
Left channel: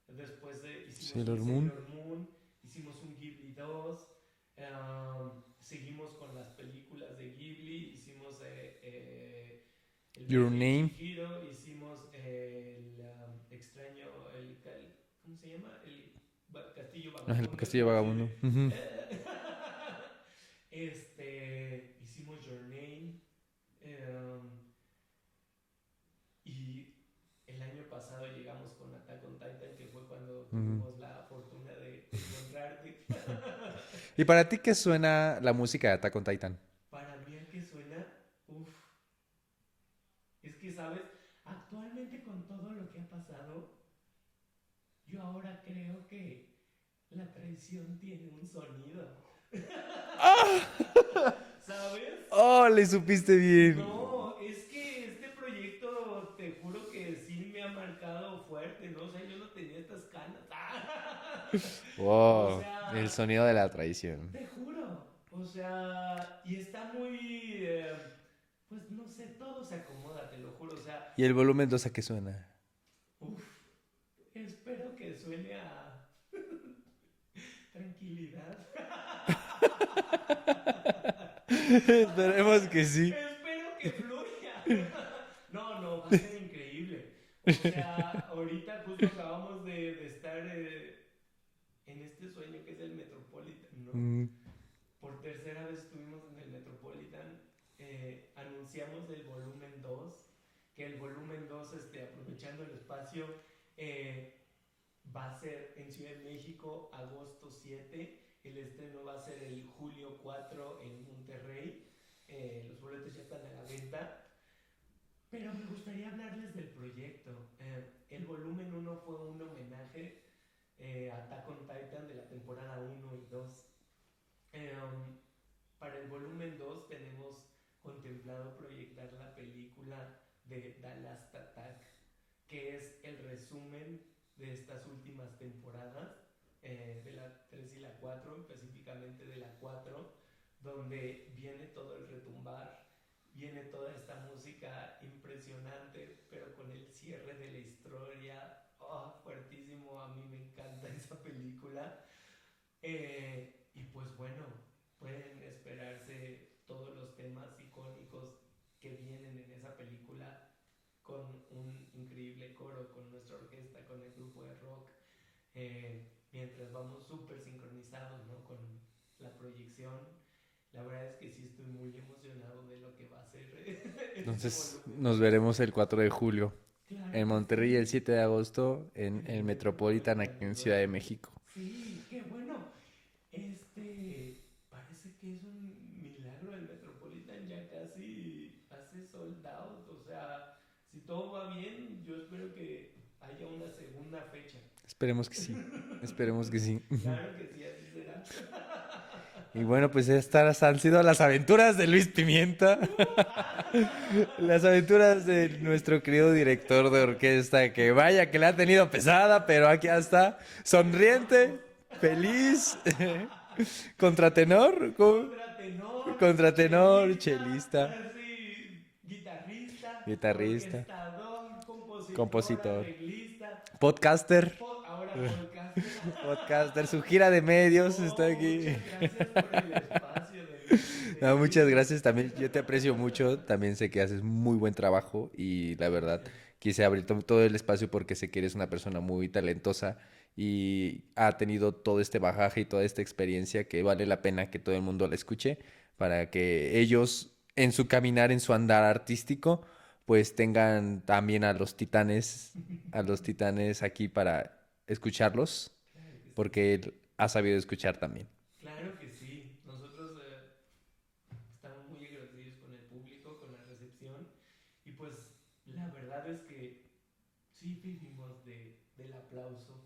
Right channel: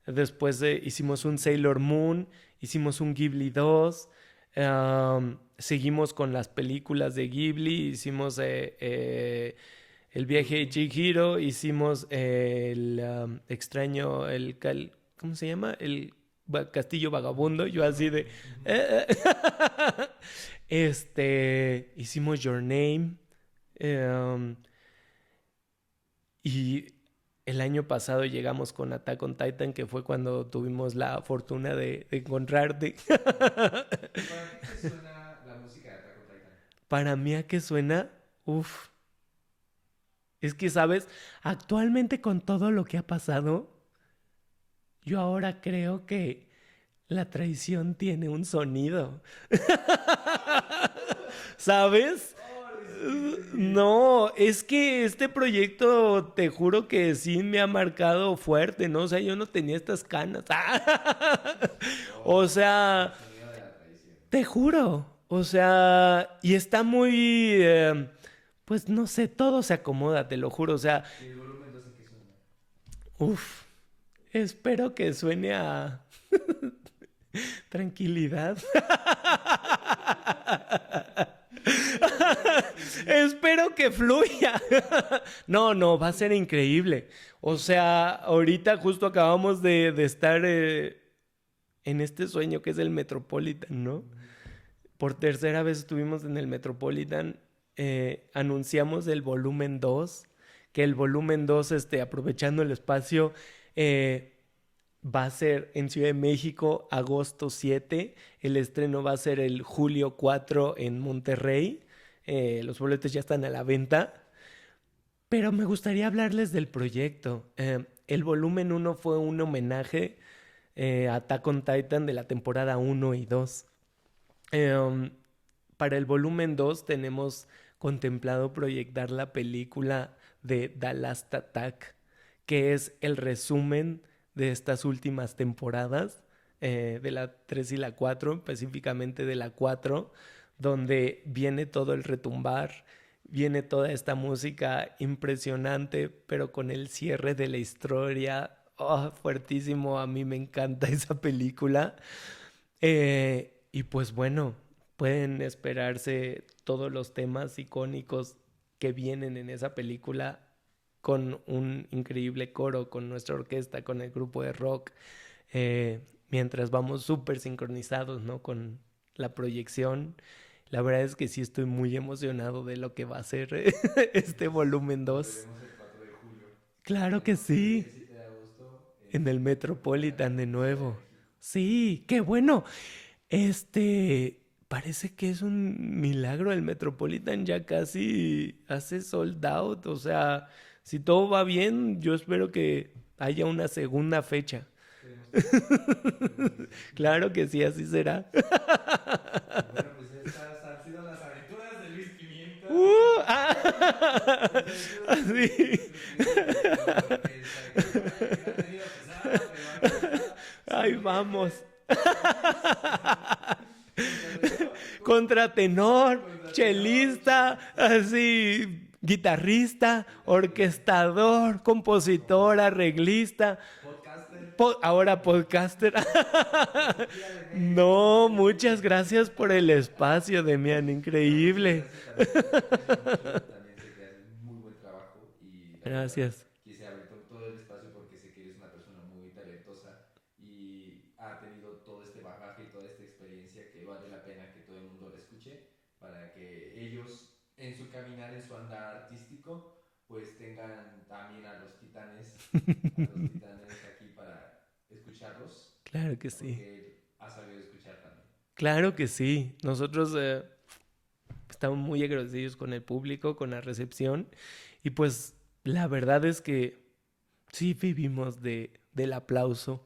después hicimos un Sailor Moon. Sailor Moon, hicimos un Ghibli 2, seguimos con las películas de Ghibli, hicimos el Your viaje de Name. Chihiro, hicimos el extraño, ¿cómo se llama? El castillo Ajá, el vagabundo, yo Castillo así de... Vagabundo. Ujú. Hicimos Your Name, um, y el año pasado llegamos con Attack on Titan, que fue cuando Ujú. tuvimos la fortuna de encontrarte. ¿Y para ti qué suena la música de Attack on Titan? Para mí, ¿a qué suena? Uf, es que, ¿sabes? Actualmente con todo lo que ha pasado, yo ahora creo que la traición tiene un sonido. ¿Sabes? Oh, le supiste bien. No, es que este proyecto, te juro que sí me ha marcado fuerte, ¿no? O sea, yo no tenía estas canas. O Wow, el sea, sonido de la traición. te juro. O sea, y está muy, pues no sé, todo se acomoda, te lo juro. O sea, ¿Y el volumen 2 a qué suena? uff, espero que suene a tranquilidad. Esperemos que sí. Espero que fluya. No, no, va a ser increíble. O sea, ahorita justo acabamos de estar en este sueño que es el Metropolitan, ¿no? Mm. Por tercera vez estuvimos en el Metropolitan. Anunciamos el volumen 2, que el volumen 2, aprovechando el espacio, va a ser en Ciudad de México, agosto 7. El estreno va a ser el julio 4 en Monterrey. Los boletos ya están a la venta. Pero me gustaría hablarles del proyecto. El volumen 1 fue un homenaje a Attack on Titan de la temporada 1 y 2. Um, para el volumen 2 tenemos contemplado proyectar la película de The Last Attack, que es el resumen de estas últimas temporadas, de la 3 y la 4, específicamente de la 4, donde viene todo el retumbar, viene toda esta música impresionante, pero con el cierre de la historia, oh, fuertísimo, a mí me encanta esa película. Y pues bueno, pueden esperarse todos los temas icónicos que vienen en esa película con un increíble coro, con nuestra orquesta, con el grupo de rock, mientras vamos súper sincronizados, ¿no? Con la proyección. La verdad es que sí estoy muy emocionado de lo que va a ser este Entonces, volumen nos 2. veremos el 4 de julio Claro en que Monterrey, el sí, 7 de agosto en en el el Metropolitan Metropolitan de en Ciudad de nuevo. México. Sí, qué bueno. Parece que es un milagro. El Metropolitan ya casi hace sold out. O sea, si todo va bien, yo espero que haya una segunda fecha. Esperemos que sí. Esperemos que sí. Claro que sí, así será. Y bueno, pues estas han sido las aventuras de Luis Pimienta. Las aventuras de nuestro querido director de orquesta, que vaya que la ha tenido pesada, pero aquí está, sonriente, feliz. Contratenor. Contratenor, chelista, chelista. así, guitarrista, orquestador, compositor, arreglista. Podcaster. Ahora podcaster. Podcaster, su gira de medios. No, muchas gracias por el espacio, Demian, increíble. No, muchas gracias también, yo te aprecio mucho. También sé que haces muy buen trabajo y la verdad quise abrir todo el espacio porque sé que eres una persona muy talentosa y ha tenido todo este bagaje y toda esta experiencia que vale la pena que todo el mundo la escuche para que ellos en su caminar, en su andar artístico, pues tengan también a los titanes aquí para escucharlos. Claro que sí. Porque él ha sabido escuchar también. Claro que sí. Nosotros estamos muy agradecidos con el público, con la recepción. Y pues la verdad es que sí vivimos del aplauso.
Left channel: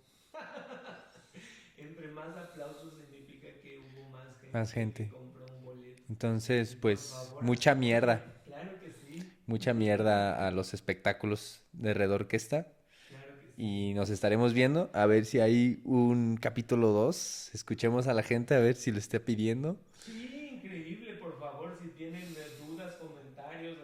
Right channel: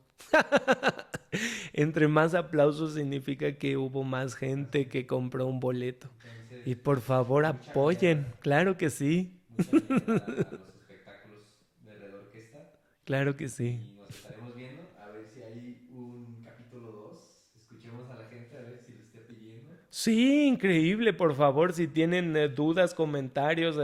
Entre más aplausos significa que hubo más gente que compró un boleto. Entonces, y pues, por favor mucha apoyen. mierda. Claro que sí. Mucha mierda a los espectáculos de Red Orquesta. Claro que sí. Y nos estaremos viendo a ver si hay un capítulo 2. Escuchemos a la gente a ver si lo está pidiendo. Sí, increíble. Por favor, si tienen dudas, comentarios,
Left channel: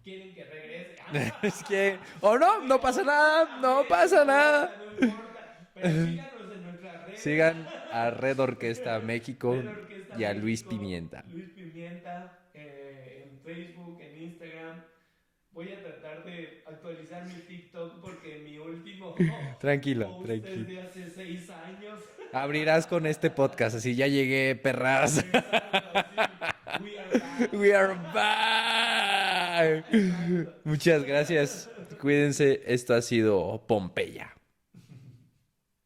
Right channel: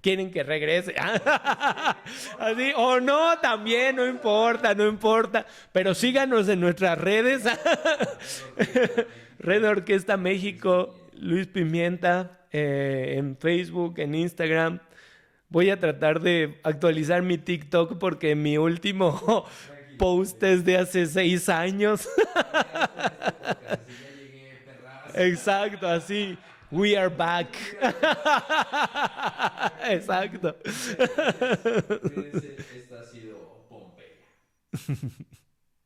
quieren que regrese. Es que, o no, así, no pasa nada, también, no pasa nada. No importa. Pero síganos en nuestras redes. Sigan a Red Orquesta México. Red Orquesta y a México. Luis Pimienta. En Facebook, en Instagram. Voy a tratar de actualizar mi TikTok porque mi último post es de hace 6 años. Abrirás con este podcast, así ya llegué, perras. Exacto, así. We are back. We are back. Exacto. Muchas gracias. Cuídense. Esto ha sido Pompeya.